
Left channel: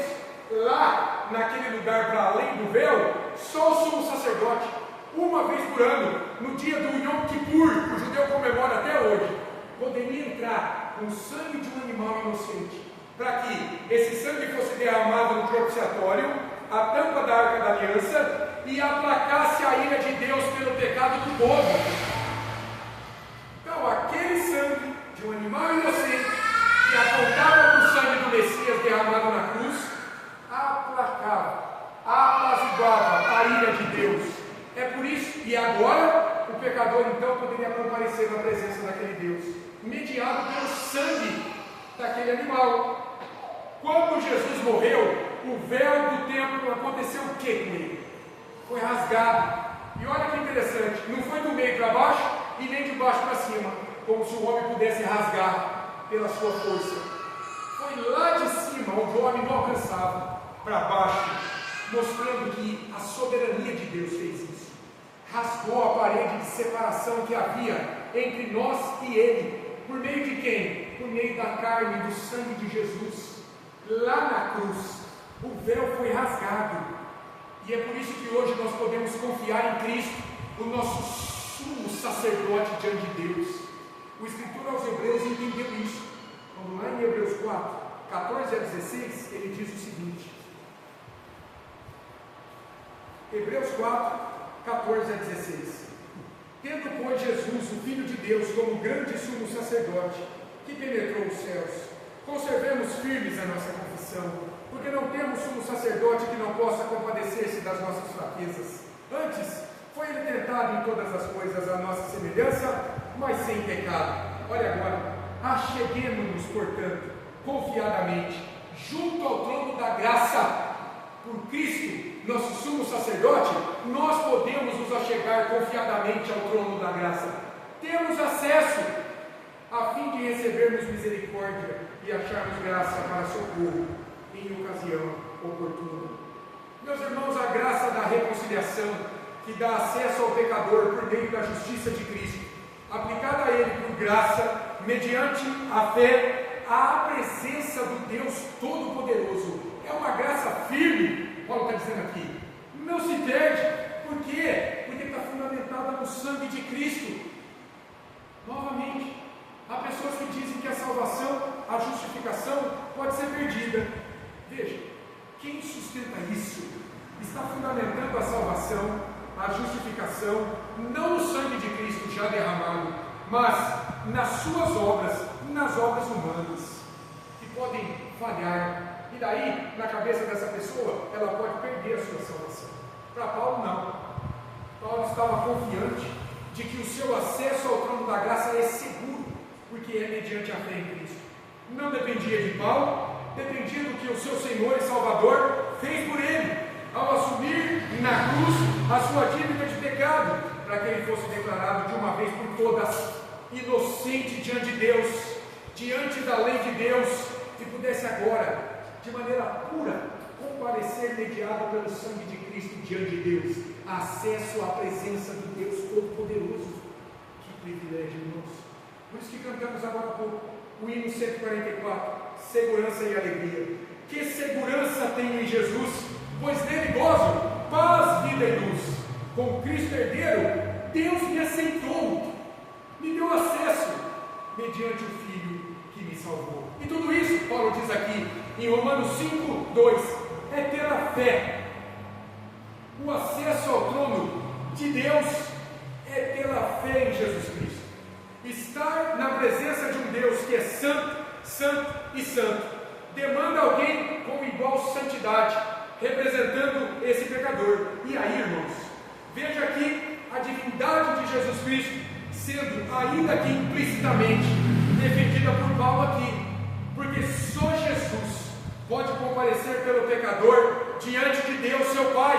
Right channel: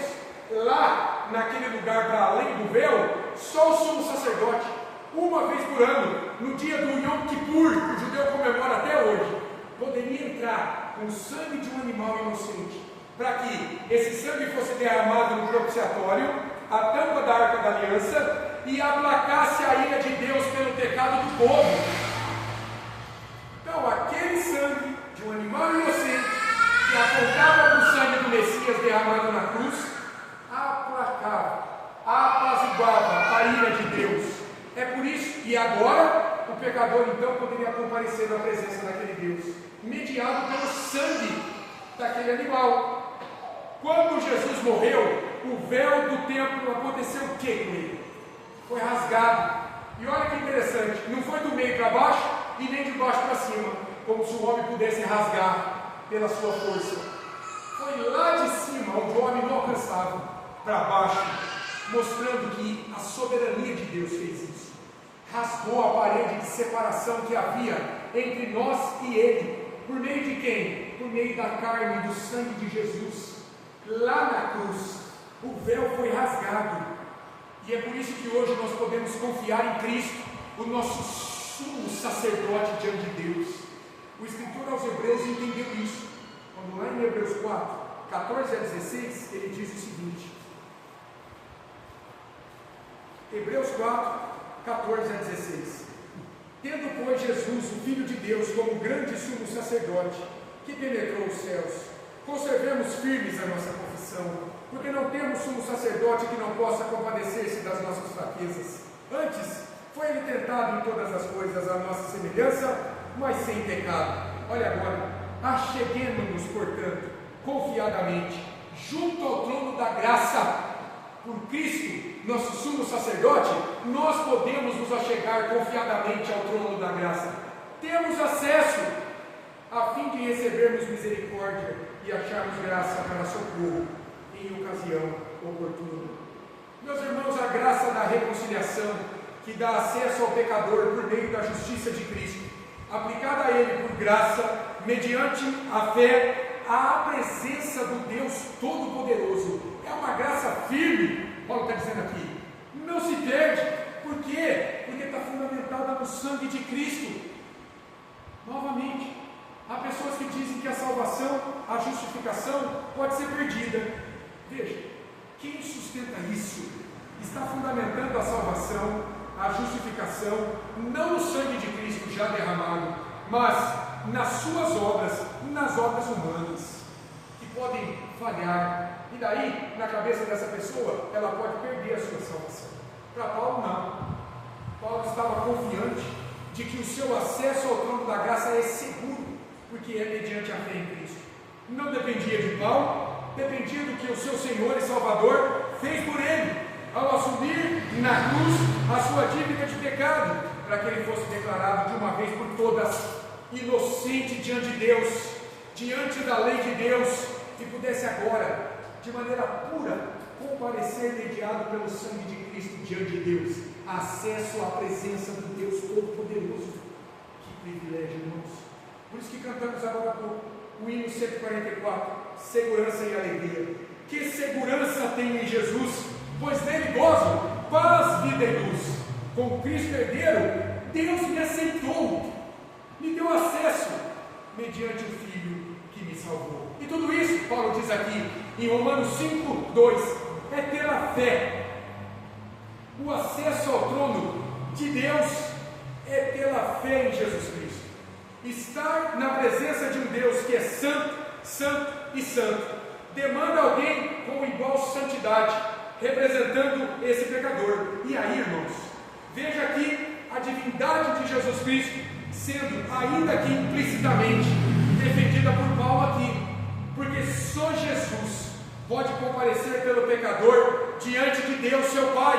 Lá, naquele lugar para além do véu, só o sumo sacerdote, uma vez por ano, no dia do Yom Kippur, que o judeu comemora até hoje, poderia entrar com o sangue de um animal inocente, para que esse sangue fosse derramado no propiciatório, a tampa da Arca da Aliança, e aplacasse a ira de Deus pelo pecado do povo. Então, aquele sangue de um animal inocente, que apontava para o sangue do Messias derramado na cruz, aplacava, apaziguava a ira de Deus. É por isso, e agora, o pecador então poderia comparecer na presença daquele Deus, mediado pelo sangue daquele animal. Quando Jesus morreu, o véu do templo aconteceu o que com ele? Foi rasgado. E olha que interessante, não foi do meio para baixo e nem de baixo para cima, como se o homem pudesse rasgar pela sua força. Foi lá de cima, onde o homem não alcançava, para baixo, mostrando que a soberania de Deus fez isso. Rasgou a parede de separação que havia entre nós e Ele. Por meio de quem? Por meio da carne e do sangue de Jesus. Lá na cruz, o véu foi rasgado. E é por isso que hoje nós podemos confiar em Cristo, o nosso sumo sacerdote diante de Deus. O escritor aos Hebreus entendeu isso. Quando lá em Hebreus 4, 14 a 16, ele diz o seguinte. Hebreus 4, 14 a 16. Tendo, pois, Jesus, o Filho de Deus, como grande sumo sacerdote, que penetrou os céus, conservemos firmes a nossa confissão, porque não temos sumo sacerdote que não possa compadecer-se das nossas fraquezas. Antes, foi ele tentado em todas as coisas à nossa semelhança, mas sem pecado. Olha agora, acheguemo-nos, portanto, confiadamente, junto ao trono da graça, por Cristo, nosso sumo sacerdote, nós podemos nos achegar confiadamente ao trono da graça. Temos acesso, a fim de recebermos misericórdia e acharmos graça para socorro em ocasião oportuna. Meus irmãos, a graça da reconciliação, que dá acesso ao pecador por meio da justiça de Cristo, aplicada a ele por graça, mediante a fé, à presença do Deus Todo-Poderoso, é uma graça firme. Paulo está dizendo aqui, não se perde. Por quê? Porque está fundamentada no sangue de Cristo. Novamente, há pessoas que dizem que a salvação, a justificação pode ser perdida. Veja, quem sustenta isso está fundamentando a salvação, a justificação, não no sangue de Cristo já derramado, mas nas suas obras, nas obras humanas, que podem falhar, e daí, na cabeça dessa pessoa, ela pode perder a sua salvação. Para Paulo, não. Paulo estava confiante de que o seu acesso ao trono da graça é seguro, porque é mediante a fé em Cristo. Não dependia de Paulo, dependia do que o seu Senhor e Salvador fez por ele, ao assumir na cruz a sua dívida de pecado, para que ele fosse declarado de uma vez por todas inocente diante de Deus, diante da lei de Deus, e pudesse agora, de maneira pura, comparecer mediado pelo sangue de Cristo diante de Deus, acesso à presença do Deus Todo-Poderoso. Que privilégio, irmãos! Por isso que cantamos agora há pouco o hino 144, segurança e alegria. Que segurança tem em Jesus, pois nele gozo paz, vida e luz. Com Cristo herdeiro, Deus me aceitou, me deu acesso mediante o Filho que me salvou. E tudo isso, Paulo diz aqui em Romanos 5:2, é pela fé. O acesso ao trono de Deus é pela fé em Jesus Cristo. Estar na presença de um Deus que é santo, santo e santo, demanda alguém com igual santidade, representando esse pecador. E aí, irmãos, veja aqui a divindade de Jesus Cristo sendo, ainda que implicitamente, defendida por Paulo aqui, porque só Jesus pode comparecer pelo pecador diante de Deus, seu Pai,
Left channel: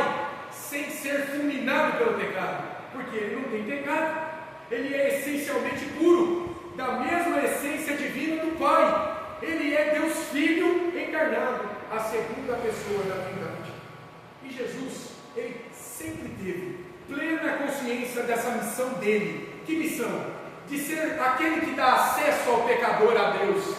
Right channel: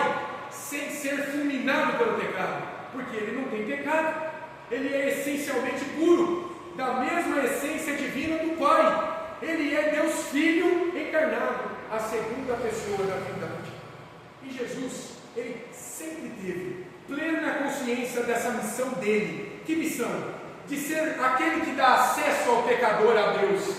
sem ser fulminado pelo pecado, porque ele não tem pecado, ele é essencialmente puro, da mesma essência divina do Pai, ele é Deus Filho encarnado, a segunda pessoa da Trindade. E Jesus, ele sempre teve plena consciência dessa missão dele. Que missão? De ser aquele que dá acesso ao pecador a Deus,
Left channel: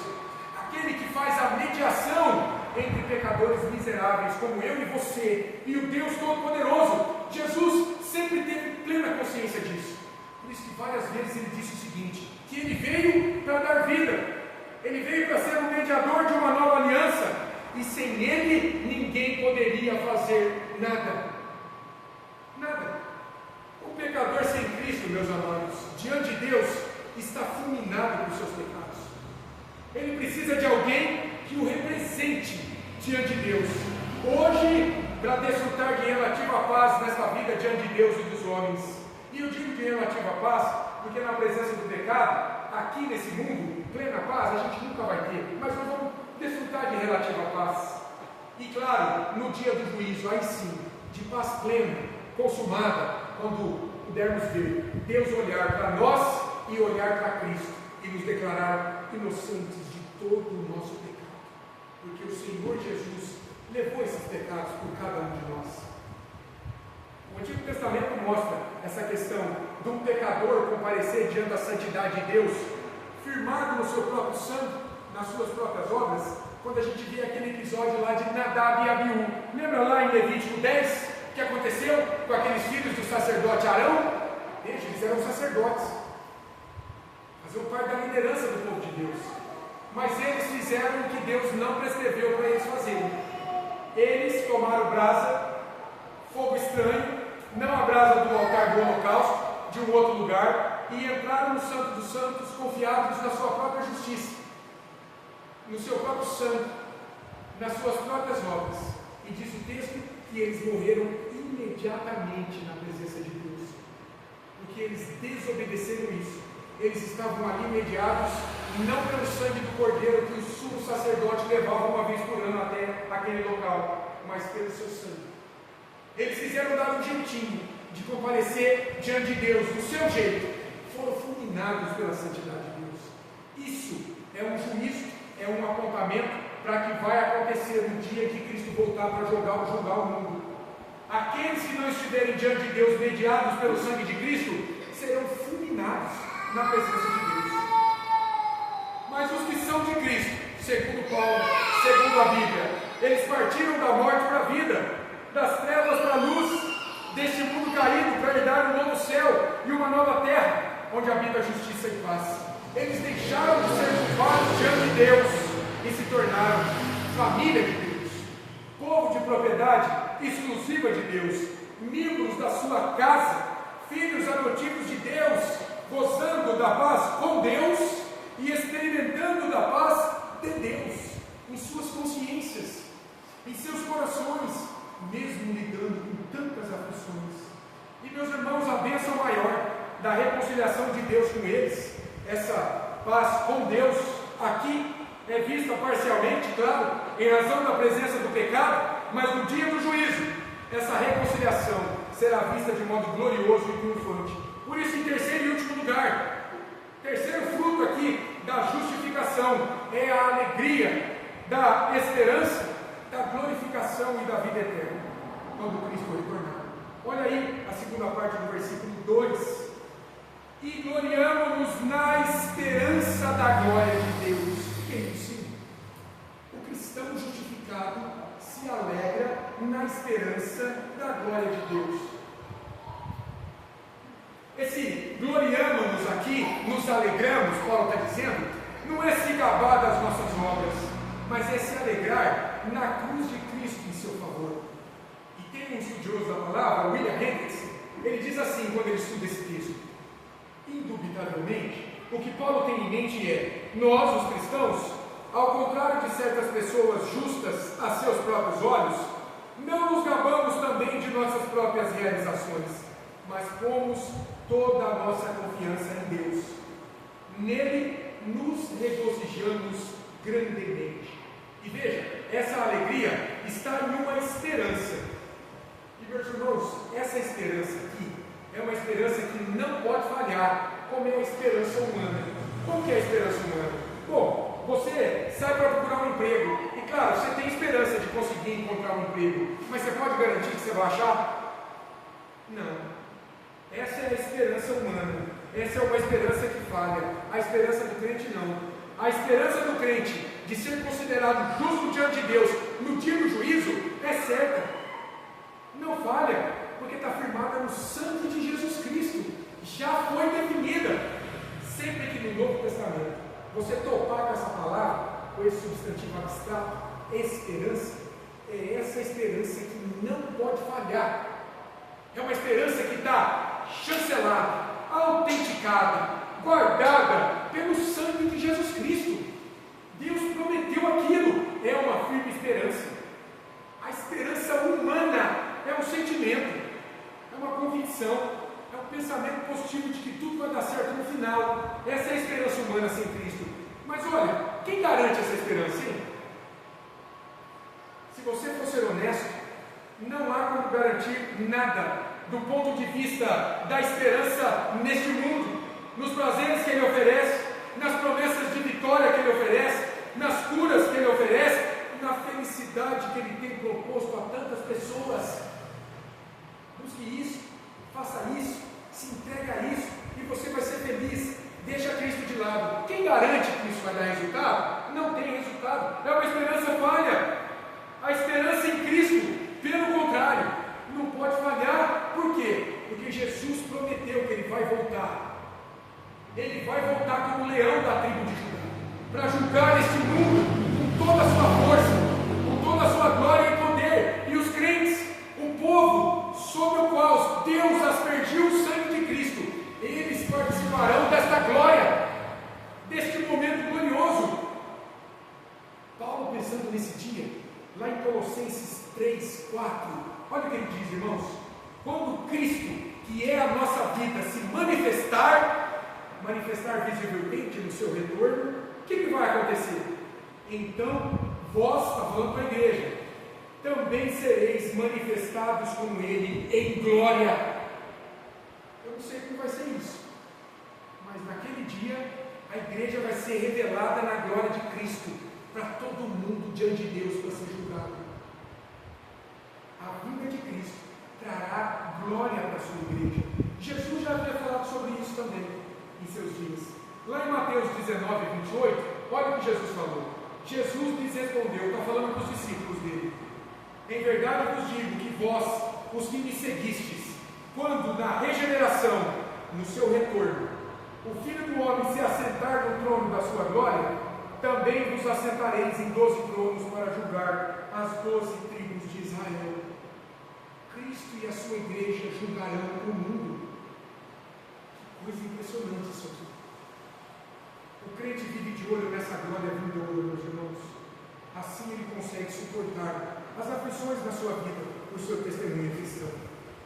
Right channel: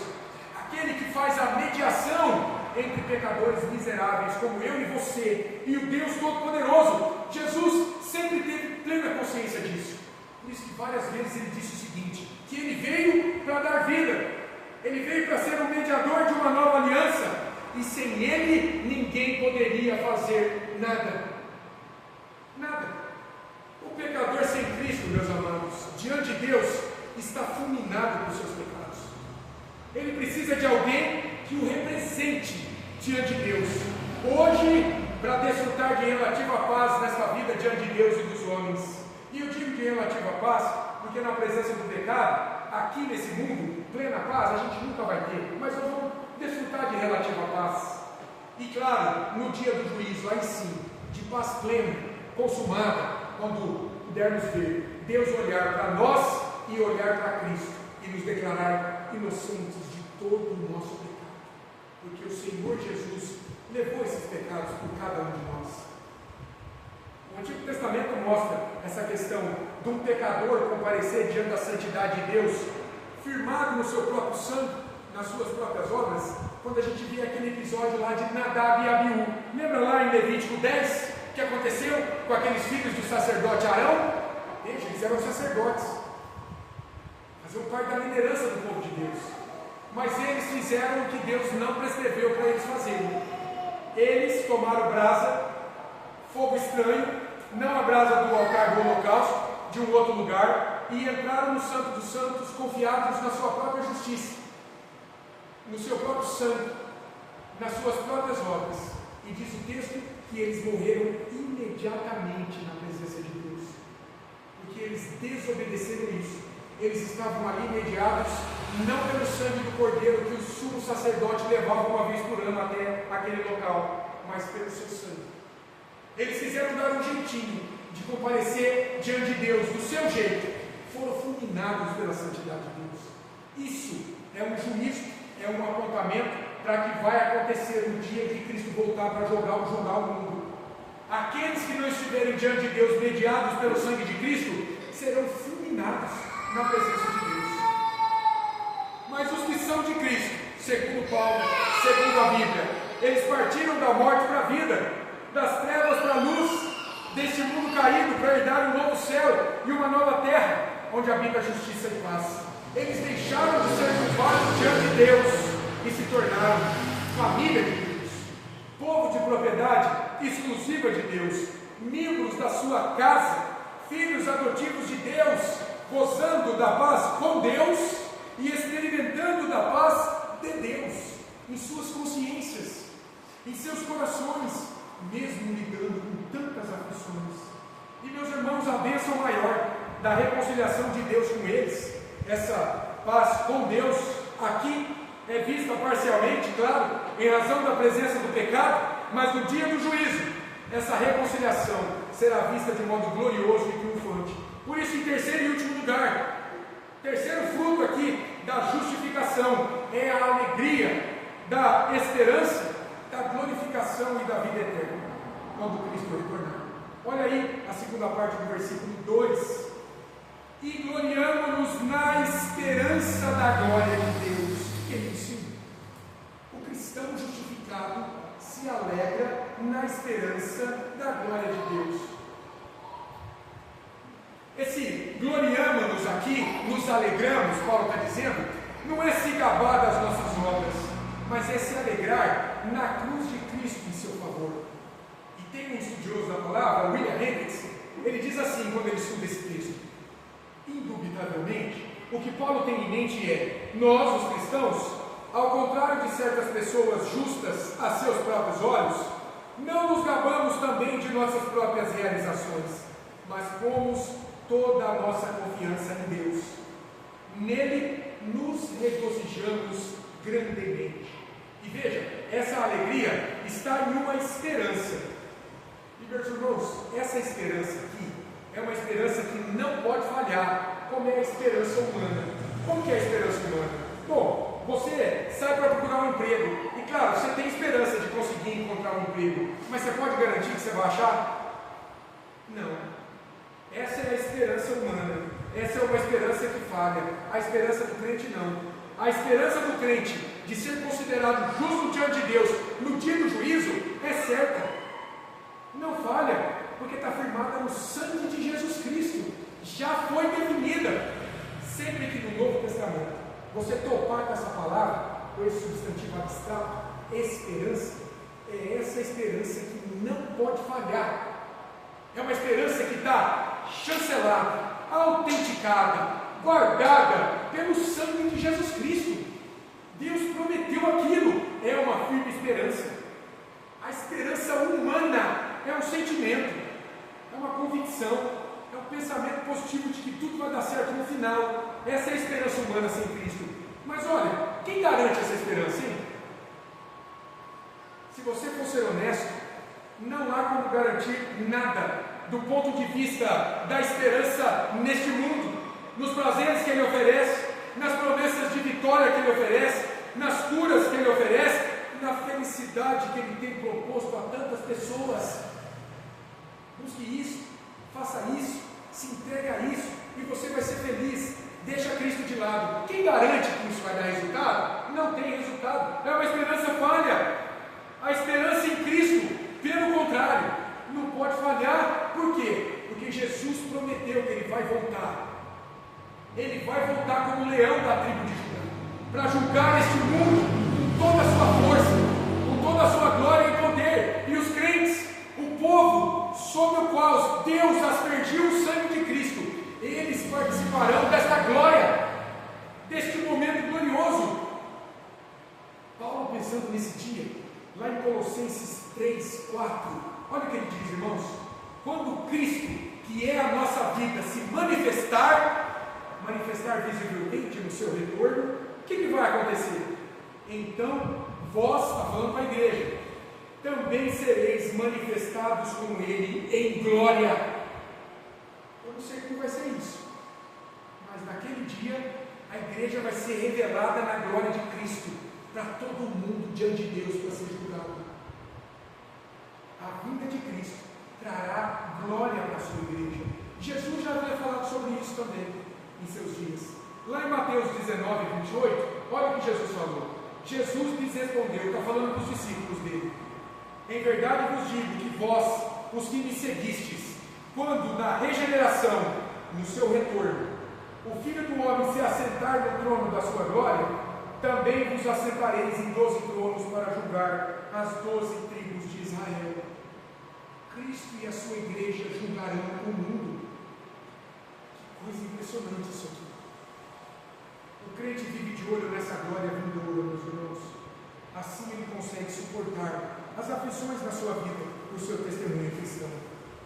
aquele que faz a mediação entre pecadores miseráveis como eu e você e o Deus Todo-Poderoso. Jesus sempre teve plena consciência disso. Por isso que várias vezes ele disse o seguinte, que ele veio para dar vida, ele veio para ser um mediador de uma nova aliança, e sem ele ninguém poderia fazer nada. Nada. O pecador sem Cristo, meus amados, diante de Deus, está fulminado por seus pecados. Ele precisa de alguém que o represente diante de Deus. Hoje, para desfrutar de relativa paz nesta vida diante de Deus e dos homens. E eu digo de relativa paz, porque na presença do pecado, aqui nesse mundo, plena paz, a gente nunca vai ter, mas nós vamos desfrutar de relativa paz. E claro, no dia do juízo, aí sim, de paz plena, consumada, quando pudermos ver Deus olhar para nós e olhar para Cristo e nos declarar inocentes de todo o nosso pecado, porque o Senhor Jesus levou esses pecados por cada um de nós. O Antigo Testamento mostra essa questão de um pecador comparecer diante da santidade de Deus, firmado no seu próprio sangue, nas suas próprias obras, quando a gente vê aquele episódio lá de Nadab e Abiú. Lembra lá em Levítico 10, o que aconteceu com aqueles filhos do sacerdote Arão? Eles eram sacerdotes, faziam parte da liderança do povo de Deus, mas eles fizeram o que Deus não prescreveu para eles fazerem. Eles tomaram brasa, fogo estranho, não a brasa do altar do holocausto, de um outro lugar, e entraram no Santo dos Santos confiados na sua própria justiça, no seu próprio sangue, nas suas próprias obras. E diz o texto que eles morreram imediatamente na presença de Deus, porque eles desobedeceram isso. Eles estavam ali mediados não pelo sangue do cordeiro que o sumo sacerdote levava uma vez por ano até aquele local, mas pelo seu sangue. Eles quiseram dar um jeitinho de comparecer diante de Deus do seu jeito, foram fulminados pela santidade de Deus. Isso é um juízo, é um apontamento para que vai acontecer no dia que Cristo voltar para julgar o mundo. Aqueles que não estiverem diante de Deus mediados pelo sangue de Cristo serão fulminados na presença de Deus. Mas os que são de Cristo, segundo Paulo, segundo a Bíblia, eles partiram da morte para a vida, das trevas para a luz, deste mundo caído para herdar um novo céu e uma nova terra, onde habita a justiça e paz. Eles deixaram de ser culpados diante de Deus e se tornaram família de Deus. propriedade exclusiva de Deus, membros da sua casa, filhos adotivos de Deus, gozando da paz com Deus e experimentando da paz de Deus em suas consciências, em seus corações, mesmo lidando com tantas aflições. E meus irmãos, a bênção maior da reconciliação de Deus com eles, essa paz com Deus, aqui é vista parcialmente, claro, em razão da presença do pecado, mas no dia do juízo, essa reconciliação será vista de modo glorioso e triunfante. Por isso, em terceiro e último lugar, terceiro fruto aqui da justificação é a alegria da esperança, da glorificação e da vida eterna, quando Cristo retornar. Olha aí a segunda parte do versículo 2: e gloriamo-nos na esperança da glória de Deus. O que é isso? O cristão justificado se alegra na esperança da glória de Deus. Esse gloriamo-nos aqui, nos alegramos, Paulo está dizendo, não é se gabar das nossas obras, mas é se alegrar na cruz de Cristo em seu favor. E tem um estudioso da palavra, William Hendricks, ele diz assim quando ele estuda esse texto: indubitavelmente, o que Paulo tem em mente é: nós, os cristãos, ao contrário de certas pessoas justas a seus próprios olhos, não nos gabamos também de nossas próprias realizações, mas pomos toda a nossa confiança em Deus. Nele nos regozijamos grandemente. E veja, essa alegria está em uma esperança. E meus irmãos, essa esperança aqui é uma esperança que não pode falhar, como é a esperança humana. Como que é a esperança humana? Bom, você sai para procurar um emprego, e claro, você tem esperança de conseguir encontrar um emprego, mas você pode garantir que você vai achar? Não. Essa é a esperança humana, essa é uma esperança que falha. A esperança do crente não. A esperança do crente de ser considerado justo diante de Deus no dia do juízo é certa, não falha, porque está firmada no sangue de Jesus Cristo, já foi definida. Sempre que no Novo Testamento você topar com essa palavra, com esse substantivo abstrato, esperança, é essa esperança que não pode falhar. É uma esperança que está chancelada, autenticada, guardada pelo sangue de Jesus Cristo. Deus prometeu aquilo, é uma firme esperança. A esperança humana é um sentimento, é uma convicção, é um pensamento positivo de que tudo vai dar certo no final. Essa é a esperança humana sem Cristo. Mas olha, quem garante essa esperança, hein? Se você for ser honesto, não há como garantir nada do ponto de vista da esperança neste mundo, nos prazeres que Ele oferece, nas promessas de vitória que Ele oferece, nas curas que Ele oferece, na felicidade que Ele tem proposto a tantas pessoas. Busque isso, faça isso, se entregue a isso, e você vai ser feliz. Deixa Cristo de lado. Quem garante que isso vai dar resultado? Não tem resultado, é uma esperança falha. A esperança em Cristo, pelo contrário, não pode falhar. Por quê? Porque Jesus prometeu que Ele vai voltar. Ele vai voltar como leão da tribo de Judá, para julgar este mundo com toda a sua força, com toda a sua glória e poder. E os crentes, o povo sobre o qual Deus aspergiu o sangue de Cristo, eles participarão desta glória, deste momento glorioso. Paulo, pensando nesse dia, lá em Colossenses 3, 4, olha o que ele diz, irmãos: quando Cristo, que é a nossa vida, se manifestar visivelmente no seu retorno, o que vai acontecer? Então vós, está falando para a igreja, também sereis manifestados com Ele em glória. Eu não sei como vai ser isso, mas naquele dia a igreja vai ser revelada na glória de Cristo para todo mundo diante de Deus para ser julgado. A vinda de Cristo trará glória para a sua igreja. Jesus já havia falado sobre isso também em seus dias. Lá em Mateus 19, 28, olha o que Jesus falou. Jesus lhes respondeu, está falando para os discípulos dele: em verdade vos digo que vós, os que me seguistes, quando na regeneração, no seu retorno, o Filho do Homem se assentar no trono da sua glória, também vos assentareis em 12 tronos para julgar as 12 tribos de Israel. Israel. Cristo e a sua igreja julgarão o mundo. Que coisa impressionante isso aqui. O crente vive de olho nessa glória vindoura, meus irmãos. Assim ele consegue suportar as aflições da sua vida por seu testemunho cristão.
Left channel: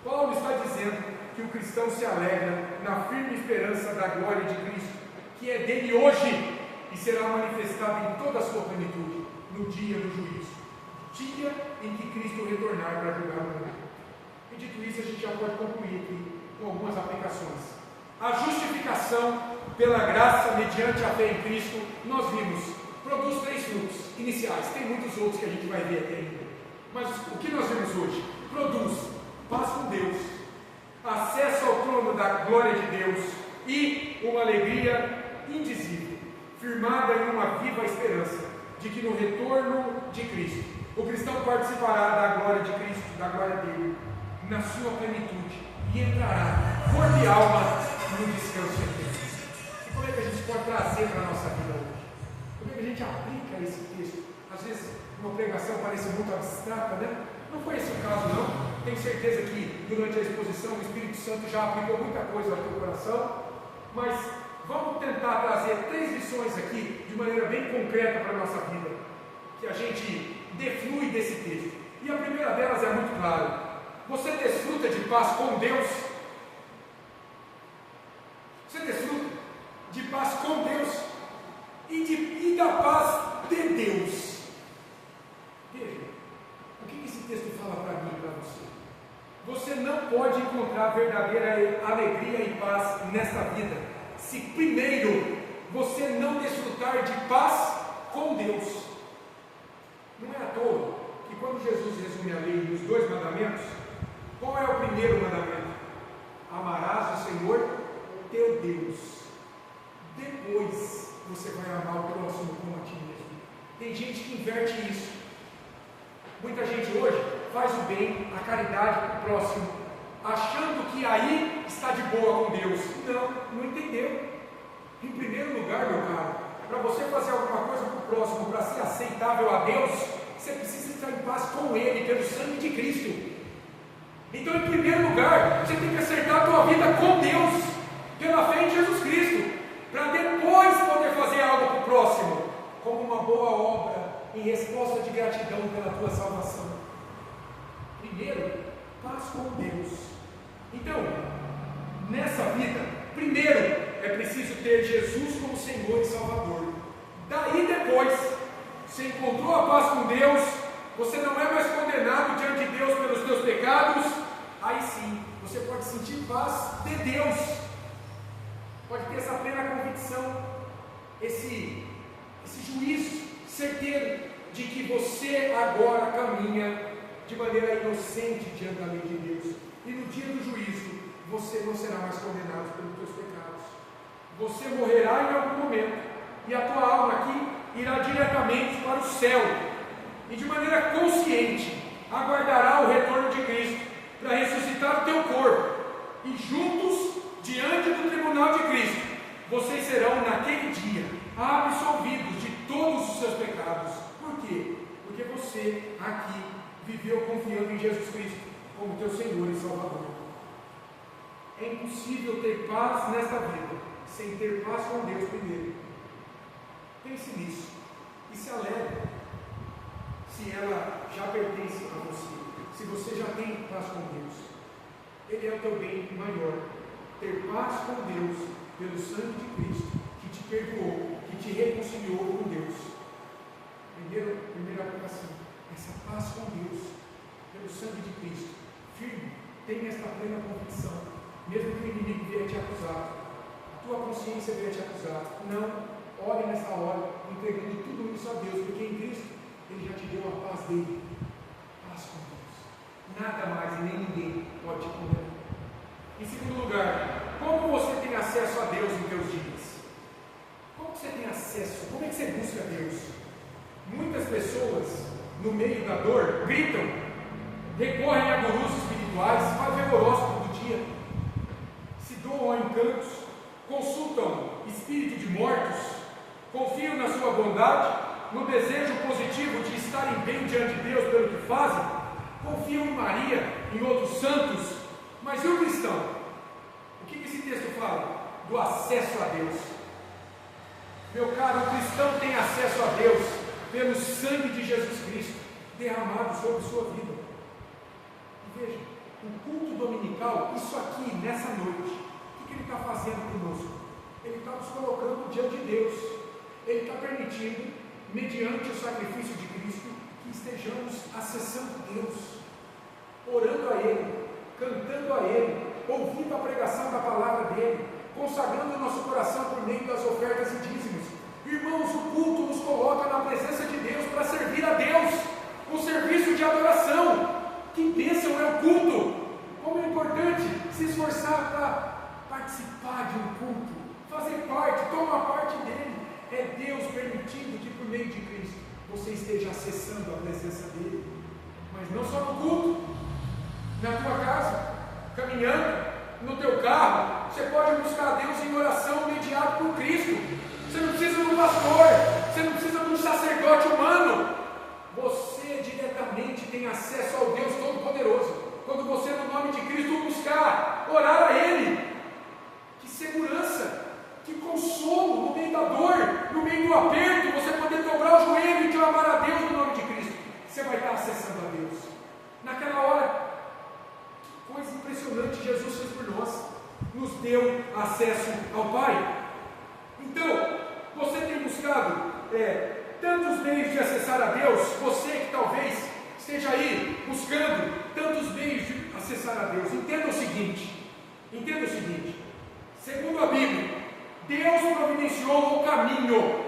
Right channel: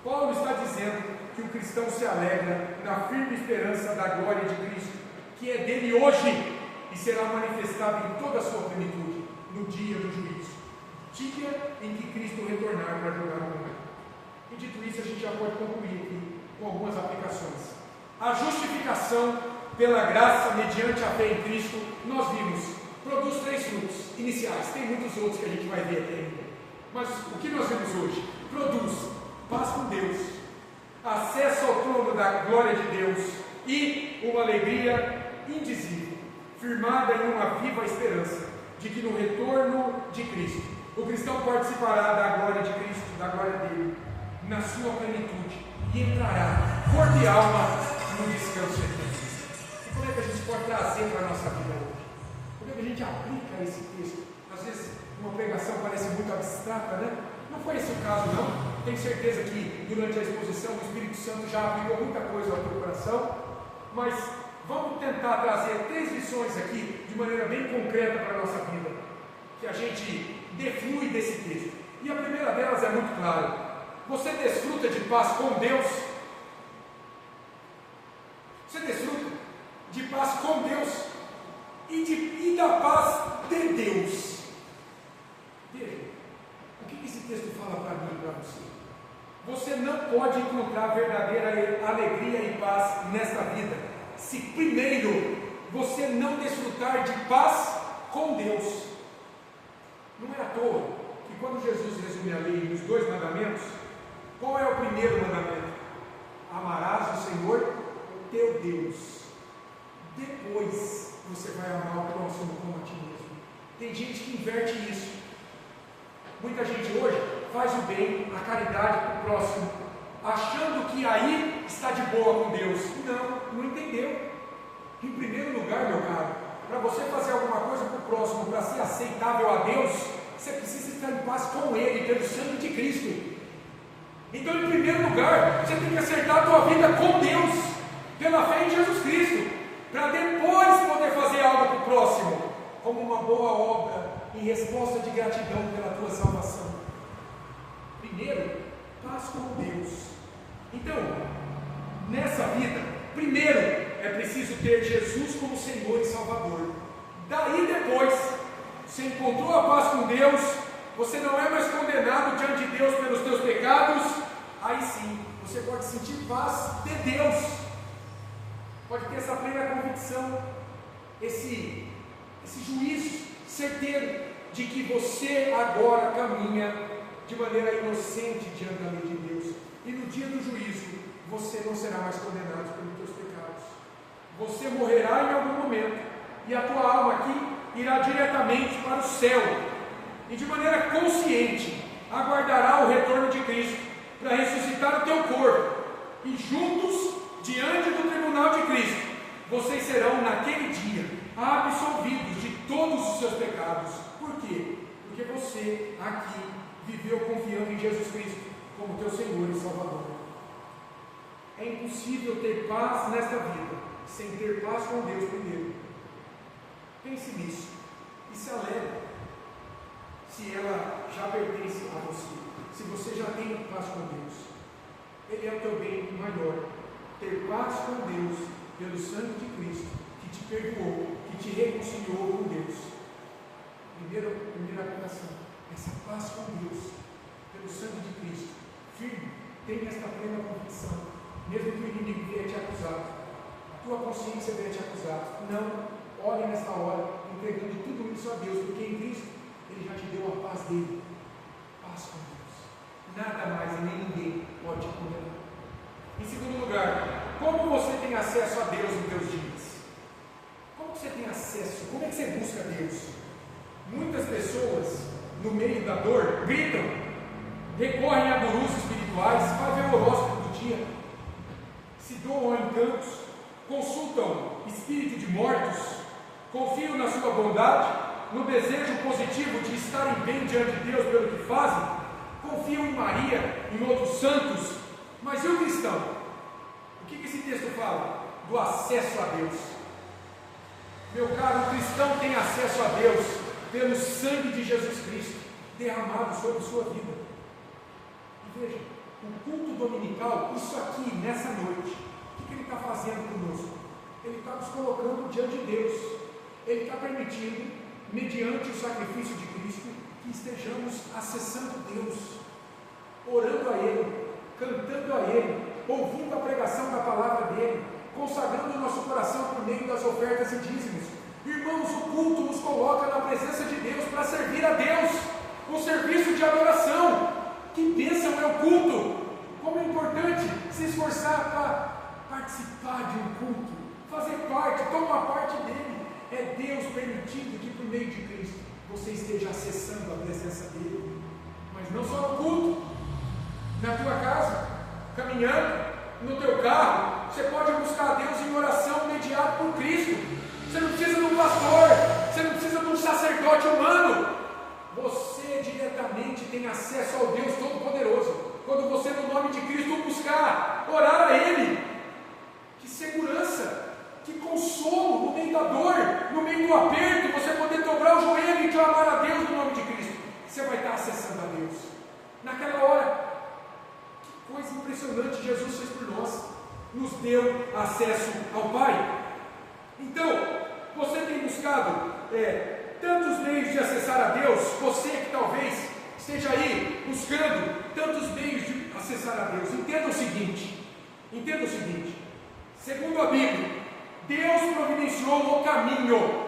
Paulo está dizendo que o cristão se alegra na firme esperança da glória de Cristo, que é dele hoje e será manifestada em toda a sua plenitude no dia do juízo, dia em que Cristo retornar para julgar o mundo. E dito isso, a gente já pode concluir aqui com algumas aplicações. A justificação pela graça mediante a fé em Cristo, nós vimos, produz 3 frutos iniciais. Tem muitos outros que a gente vai ver aqui ainda, mas o que nós vemos hoje? Produz paz com Deus, acesso ao trono da glória de Deus e uma alegria indizível, firmada em uma viva esperança de que no retorno de Cristo, o cristão participará da glória de Cristo, da glória dele, na sua plenitude, e entrará, corpo e alma, no descanso eterno. E como é que a gente pode trazer para a nossa vida hoje? Como é que a gente aplica esse texto? Às vezes uma pregação parece muito abstrata, né? Não foi esse o caso, não. Tenho certeza que durante a exposição o Espírito Santo já aplicou muita coisa ao teu coração, mas vamos tentar trazer 3 lições aqui de maneira bem concreta para a nossa vida, que a gente deflui desse texto. E a primeira delas é muito clara: você desfruta de paz com Deus? Você desfruta de paz com Deus e da paz de Deus. Veja, o que esse texto fala para mim e para você? Você não pode encontrar verdadeira alegria e paz nesta vida se primeiro você não desfrutar de paz com Deus. Não é à toa que quando Jesus resume a lei nos 2 mandamentos, qual é o primeiro mandamento? Amarás o Senhor teu Deus. Depois você vai amar o próximo como a ti mesmo. Tem gente que inverte isso. Muita gente hoje faz o bem, a caridade para o próximo, achando que aí está de boa com Deus. Não entendeu. Em primeiro lugar, meu caro, para você fazer alguma coisa para o próximo, para ser aceitável a Deus, você precisa estar em paz com Ele, pelo sangue de Cristo. Então, em primeiro lugar, você tem que acertar a tua vida com Deus, pela fé em Jesus Cristo, para depois poder fazer algo para o próximo, como uma boa obra, em resposta de gratidão pela tua salvação. Primeiro, paz com Deus. Então, nessa vida, primeiro é preciso ter Jesus como Senhor e Salvador. Daí depois, você encontrou a paz com Deus, você não é mais condenado diante de Deus pelos teus pecados, aí sim, você pode sentir paz de Deus, pode ter essa plena convicção, esse juízo certeiro de que você agora caminha de maneira inocente diante da lei de Deus, e no dia do juízo você não será mais condenado pelos teus pecados. Você morrerá em algum momento e a tua alma aqui irá diretamente para o céu, e de maneira consciente aguardará o retorno de Cristo para ressuscitar o teu corpo, e juntos diante do tribunal de Cristo vocês serão naquele dia absolvidos de todos os seus pecados. Por quê? Porque você aqui viveu confiando em Jesus Cristo como teu Senhor e Salvador. É impossível ter paz nesta vida sem ter paz com Deus primeiro. Pense nisso e se alegre se ela já pertence a você, se você já tem paz com Deus. Ele é o teu bem maior. Ter paz com Deus pelo sangue de Cristo, que te perdoou, que te reconciliou com Deus. Primeira aplicação, essa paz com Deus pelo sangue de Cristo. Firme, tenha esta plena convicção, mesmo que o inimigo venha te acusar, a tua consciência venha te acusar. Não, ore nesta hora, entregando tudo isso a Deus, porque em Cristo Ele já te deu a paz dele. Paz com Deus. Nada mais e nem ninguém pode te condenar. Em segundo lugar, como você tem acesso a Deus nos teus dias? Como você tem acesso? Como é que você busca Deus? Muitas pessoas, no meio da dor, gritam, recorrem a gurus espirituais, fazem o horóscopo do dia, se doam a encantos, consultam espírito de mortos, confiam na sua bondade, no desejo positivo de estarem bem diante de Deus pelo que fazem, confiam em Maria, em outros santos, mas e o cristão? O que esse texto fala? Do acesso a Deus. Meu caro, o cristão tem acesso a Deus pelo sangue de Jesus Cristo derramado sobre sua vida. E veja, o culto dominical, isso aqui, nessa noite, o que ele está fazendo conosco? Ele está nos colocando diante de Deus. Ele está permitindo, mediante o sacrifício de Cristo, que estejamos acessando Deus, orando a Ele, cantando a Ele, ouvindo a pregação da palavra dEle, consagrando o nosso coração por meio das ofertas e dízimos. Irmãos, o culto nos coloca na presença de Deus para servir a Deus, um serviço de adoração. Que bênção é o culto! Como é importante se esforçar para participar de um culto, fazer parte, tomar parte dele. É Deus permitindo que por meio de Cristo você esteja acessando a presença dele, mas não só no culto, na tua casa, caminhando, no teu carro, você pode buscar a Deus em oração mediado por Cristo. Você não precisa de um pastor, você não precisa de um sacerdote humano, você diretamente tem acesso ao Deus Todo-Poderoso, quando você no nome de Cristo buscar, orar a Ele. Que segurança, que consolo no meio da dor, no meio do aperto, você poder dobrar o joelho e clamar a Deus no nome de Cristo. Você vai estar acessando a Deus. Naquela hora, que coisa impressionante Jesus fez por nós, nos deu acesso ao Pai. Então, você tem buscado tantos meios de acessar a Deus, você que talvez esteja aí buscando tantos meios de acessar a Deus. Entenda o seguinte, segundo a Bíblia, Deus providenciou o caminho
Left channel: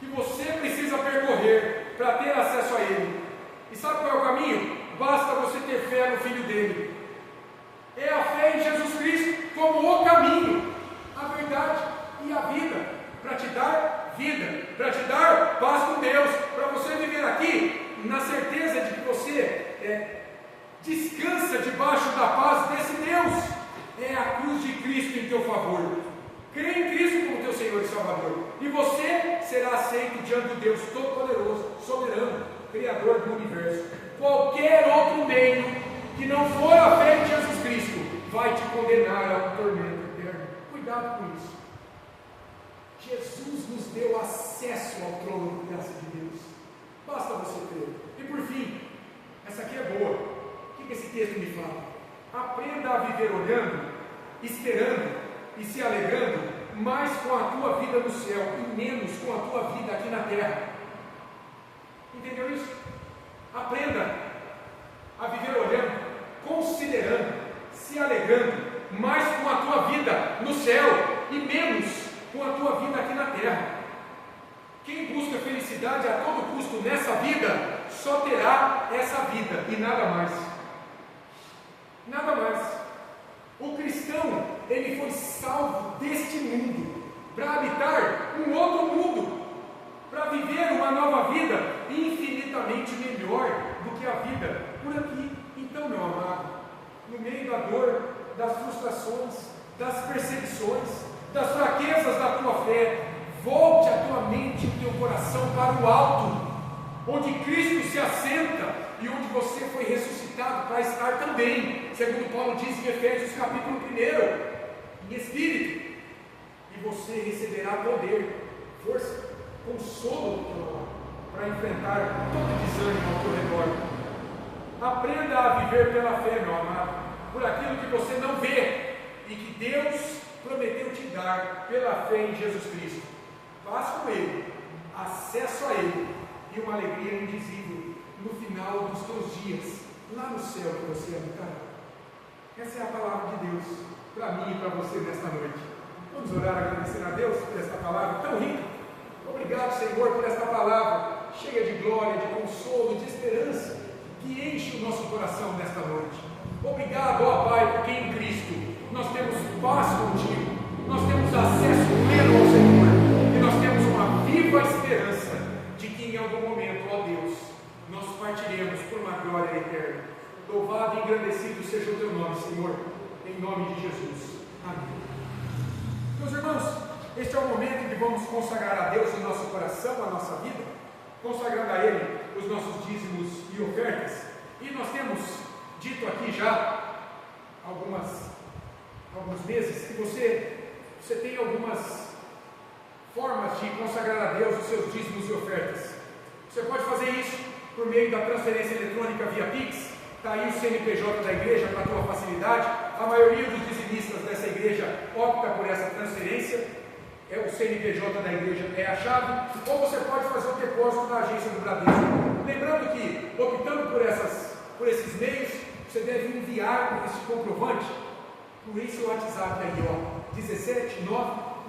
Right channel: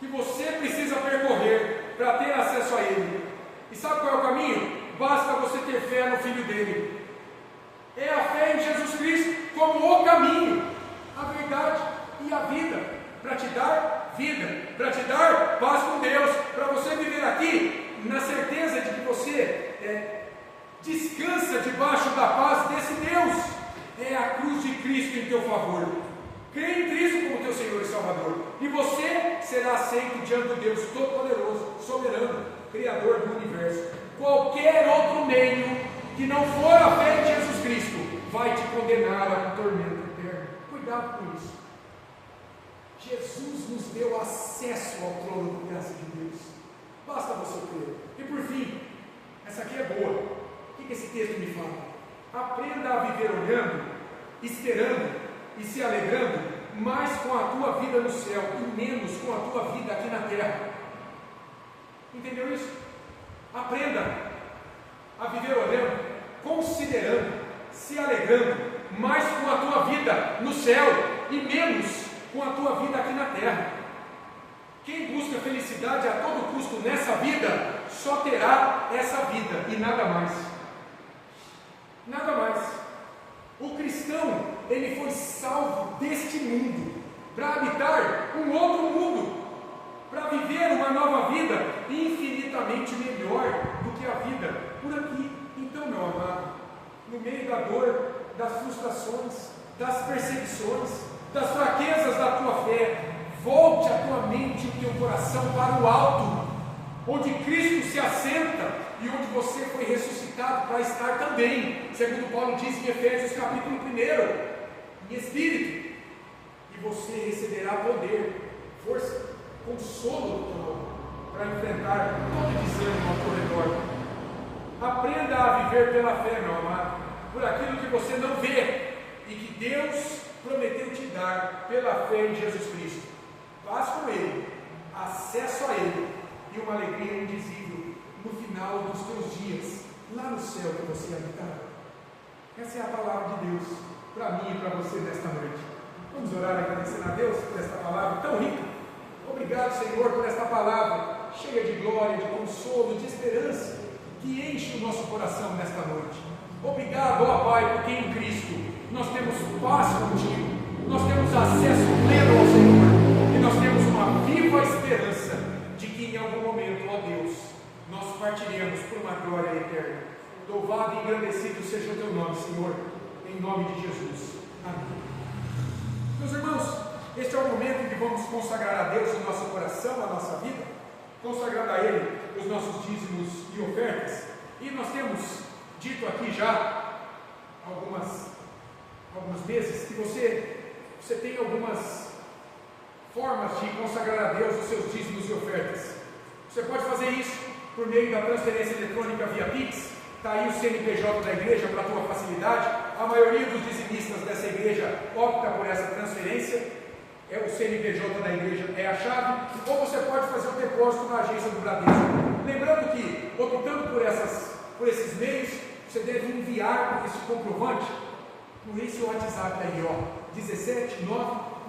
que você precisa percorrer para ter acesso a Ele. E sabe qual é o caminho? Basta você ter fé no Filho dele. É a fé em Jesus Cristo como o caminho, a verdade e a vida, para te dar vida, para te dar paz com Deus, para você viver aqui na certeza de que você descansa debaixo da paz desse Deus. É a cruz de Cristo em teu favor. Crê em Cristo como teu Senhor e Salvador, e você será aceito diante do Deus Todo-Poderoso, soberano, Criador do universo. Qualquer outro meio que não for a fé em Jesus Cristo vai te condenar a um tormento eterno. Cuidado com isso. Jesus nos deu acesso ao trono da graça de Deus. Basta você crer. E por fim, essa aqui é boa. O que esse texto me fala? Aprenda a viver olhando, esperando e se alegrando mais com a tua vida no céu e menos com a tua vida aqui na terra. Entendeu isso? Aprenda a viver olhando, considerando, se alegrando mais com a tua vida no céu e menos com a tua vida aqui na terra. Quem busca felicidade a todo custo nessa vida, só terá essa vida e nada mais. Nada mais. O cristão, ele foi salvo deste mundo para habitar um outro mundo, para viver uma nova vida infinitamente melhor do que a vida por aqui. Então, meu amado, no meio da dor, das frustrações, das perseguições, das fraquezas da tua fé, volte a tua mente e o teu coração para o alto, onde Cristo se assenta e onde você foi ressuscitado para estar também, segundo Paulo diz em Efésios capítulo 1, em espírito, e você receberá poder, força, consolo do teu nome, para enfrentar todo desânimo ao teu redor. Aprenda a viver pela fé, meu amado, por aquilo que você não vê e que Deus prometeu te dar pela fé em Jesus Cristo. Paz com Ele, acesso a Ele e uma alegria indizível no final dos teus dias, lá no céu que você habitará. Essa é a palavra de Deus para mim e para você nesta noite. Vamos orar agradecendo a Deus por esta palavra tão rica. Obrigado, Senhor, por esta palavra cheia de glória, de consolo, de esperança, que enche o nosso coração nesta noite. Obrigado, ó Pai, porque em Cristo nós temos paz contigo, nós temos acesso pleno ao Senhor, e nós temos uma viva esperança de que em algum momento, ó Deus, nós partiremos por uma glória eterna. Louvado e engrandecido seja o teu nome, Senhor, em nome de Jesus. Amém. Meus irmãos, este é o momento em que vamos consagrar a Deus o nosso coração, a nossa vida. consagrando a Ele os nossos dízimos e ofertas. E nós temos dito aqui já alguns meses que você tem algumas formas de consagrar a Deus os seus dízimos e ofertas. Você pode fazer isso por meio da transferência eletrônica via Pix. Está aí o CNPJ da igreja para a tua facilidade. A maioria dos dizimistas dessa igreja opta por essa transferência. O CNPJ da igreja é a chave. Ou você pode fazer um depósito na agência do Bradesco. Lembrando que, optando por esses meios, você deve enviar esse comprovante por esse WhatsApp aí, ó,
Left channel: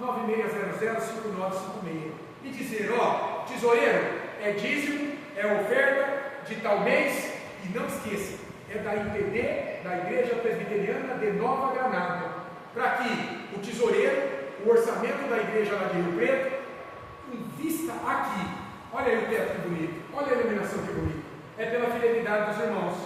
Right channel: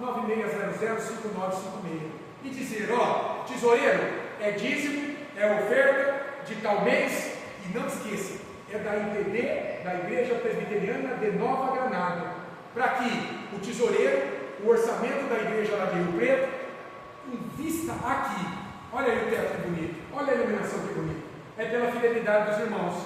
17996005956, e dizer, ó, tesoureiro, é dízimo, é oferta de tal mês, e não esqueça, é da IPD, da Igreja Presbiteriana de Nova Granada, para que o tesoureiro, o orçamento da igreja lá de Rio Preto, invista aqui. Olha aí o teto que bonito, olha a iluminação que bonita. É pela fidelidade dos irmãos,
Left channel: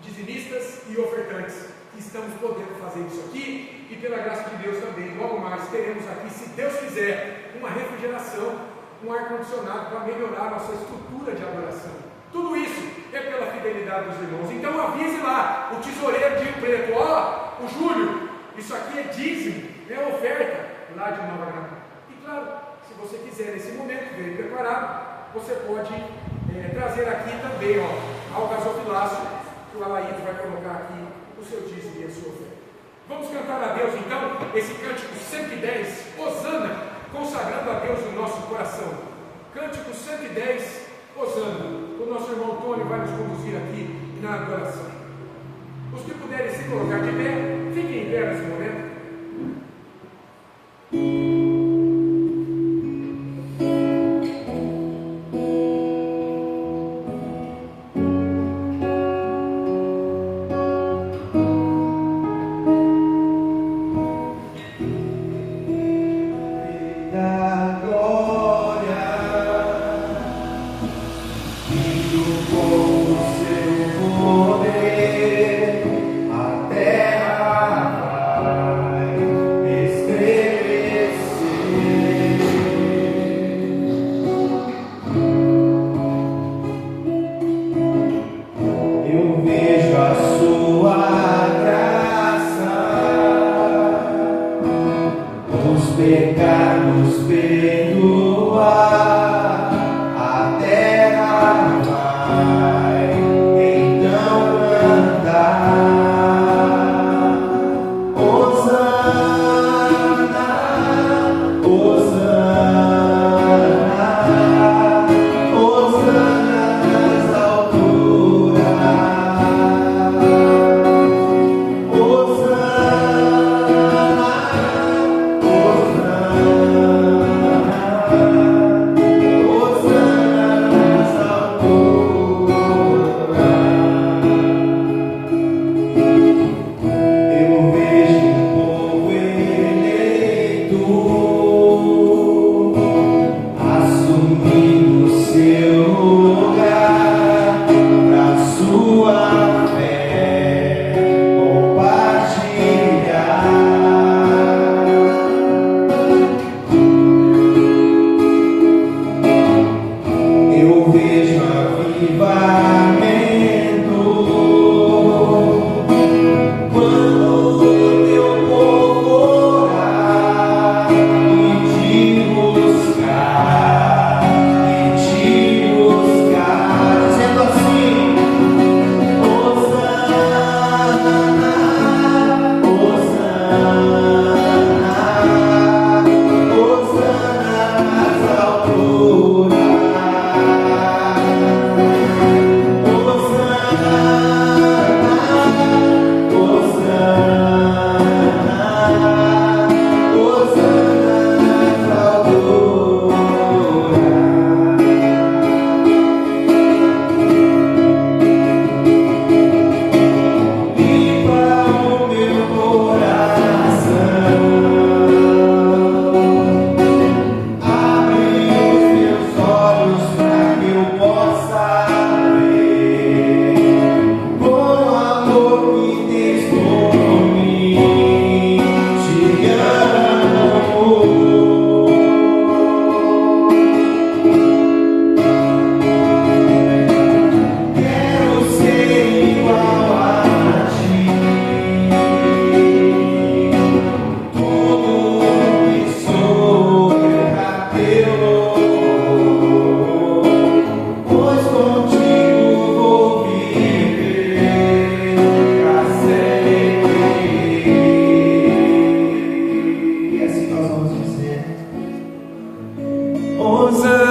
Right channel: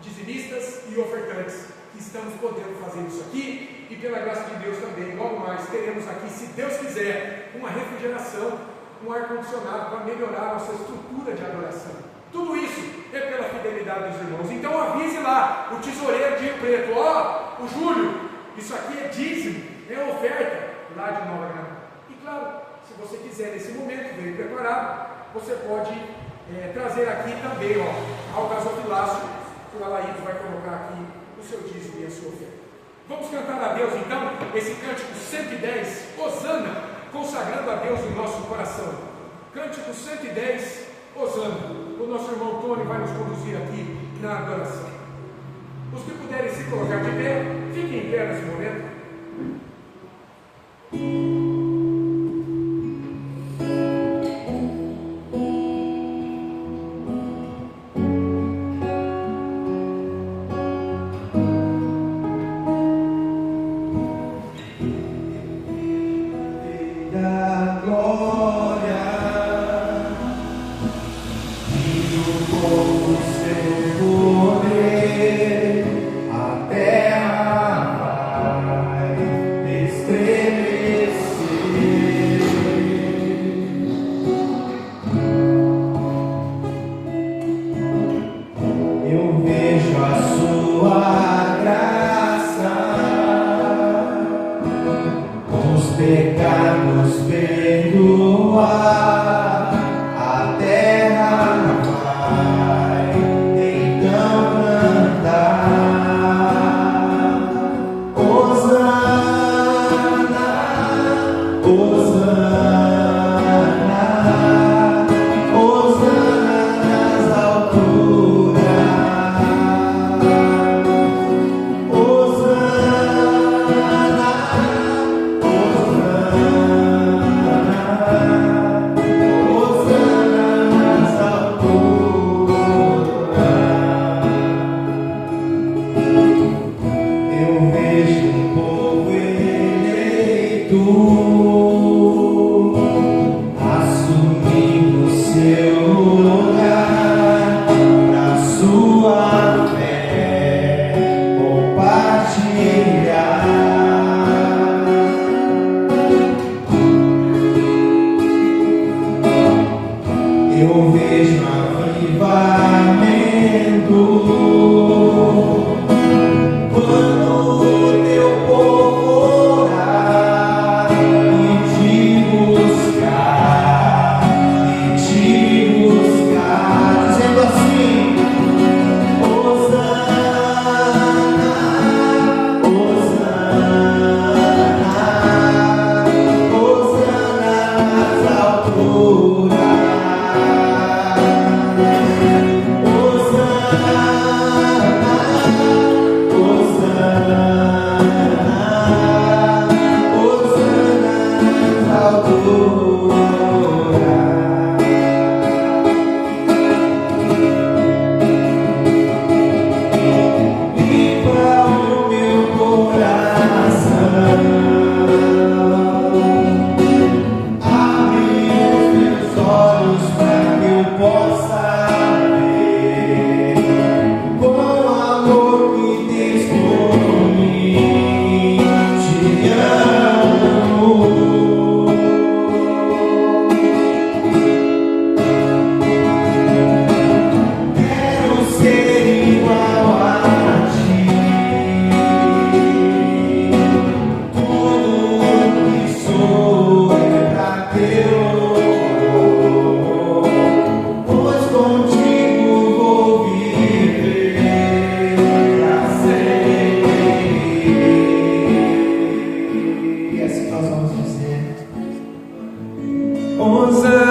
dizimistas e ofertantes, que estamos podendo fazer isso aqui, e pela graça de Deus também. Logo mais teremos aqui, se Deus quiser, uma refrigeração, um ar-condicionado para melhorar a nossa estrutura de adoração. Tudo isso é pela fidelidade dos irmãos. Então avise lá o tesoureiro de Rio Preto, ó, o Júlio, isso aqui é dízimo, é oferta lá de Nova Granada. E claro, se você quiser nesse momento, bem preparado, você pode trazer aqui também, ó, ao gasofilácio, que o Alaíto vai colocar aqui o seu dízimo e a sua oferta. Vamos cantar a Deus então esse cântico 110, Hosana, consagrando a Deus o nosso coração. Cântico 110, Hosana. O nosso irmão Tony vai nos conduzir aqui na adoração. Os que puderem se colocar de pé, fiquem em pé nesse momento.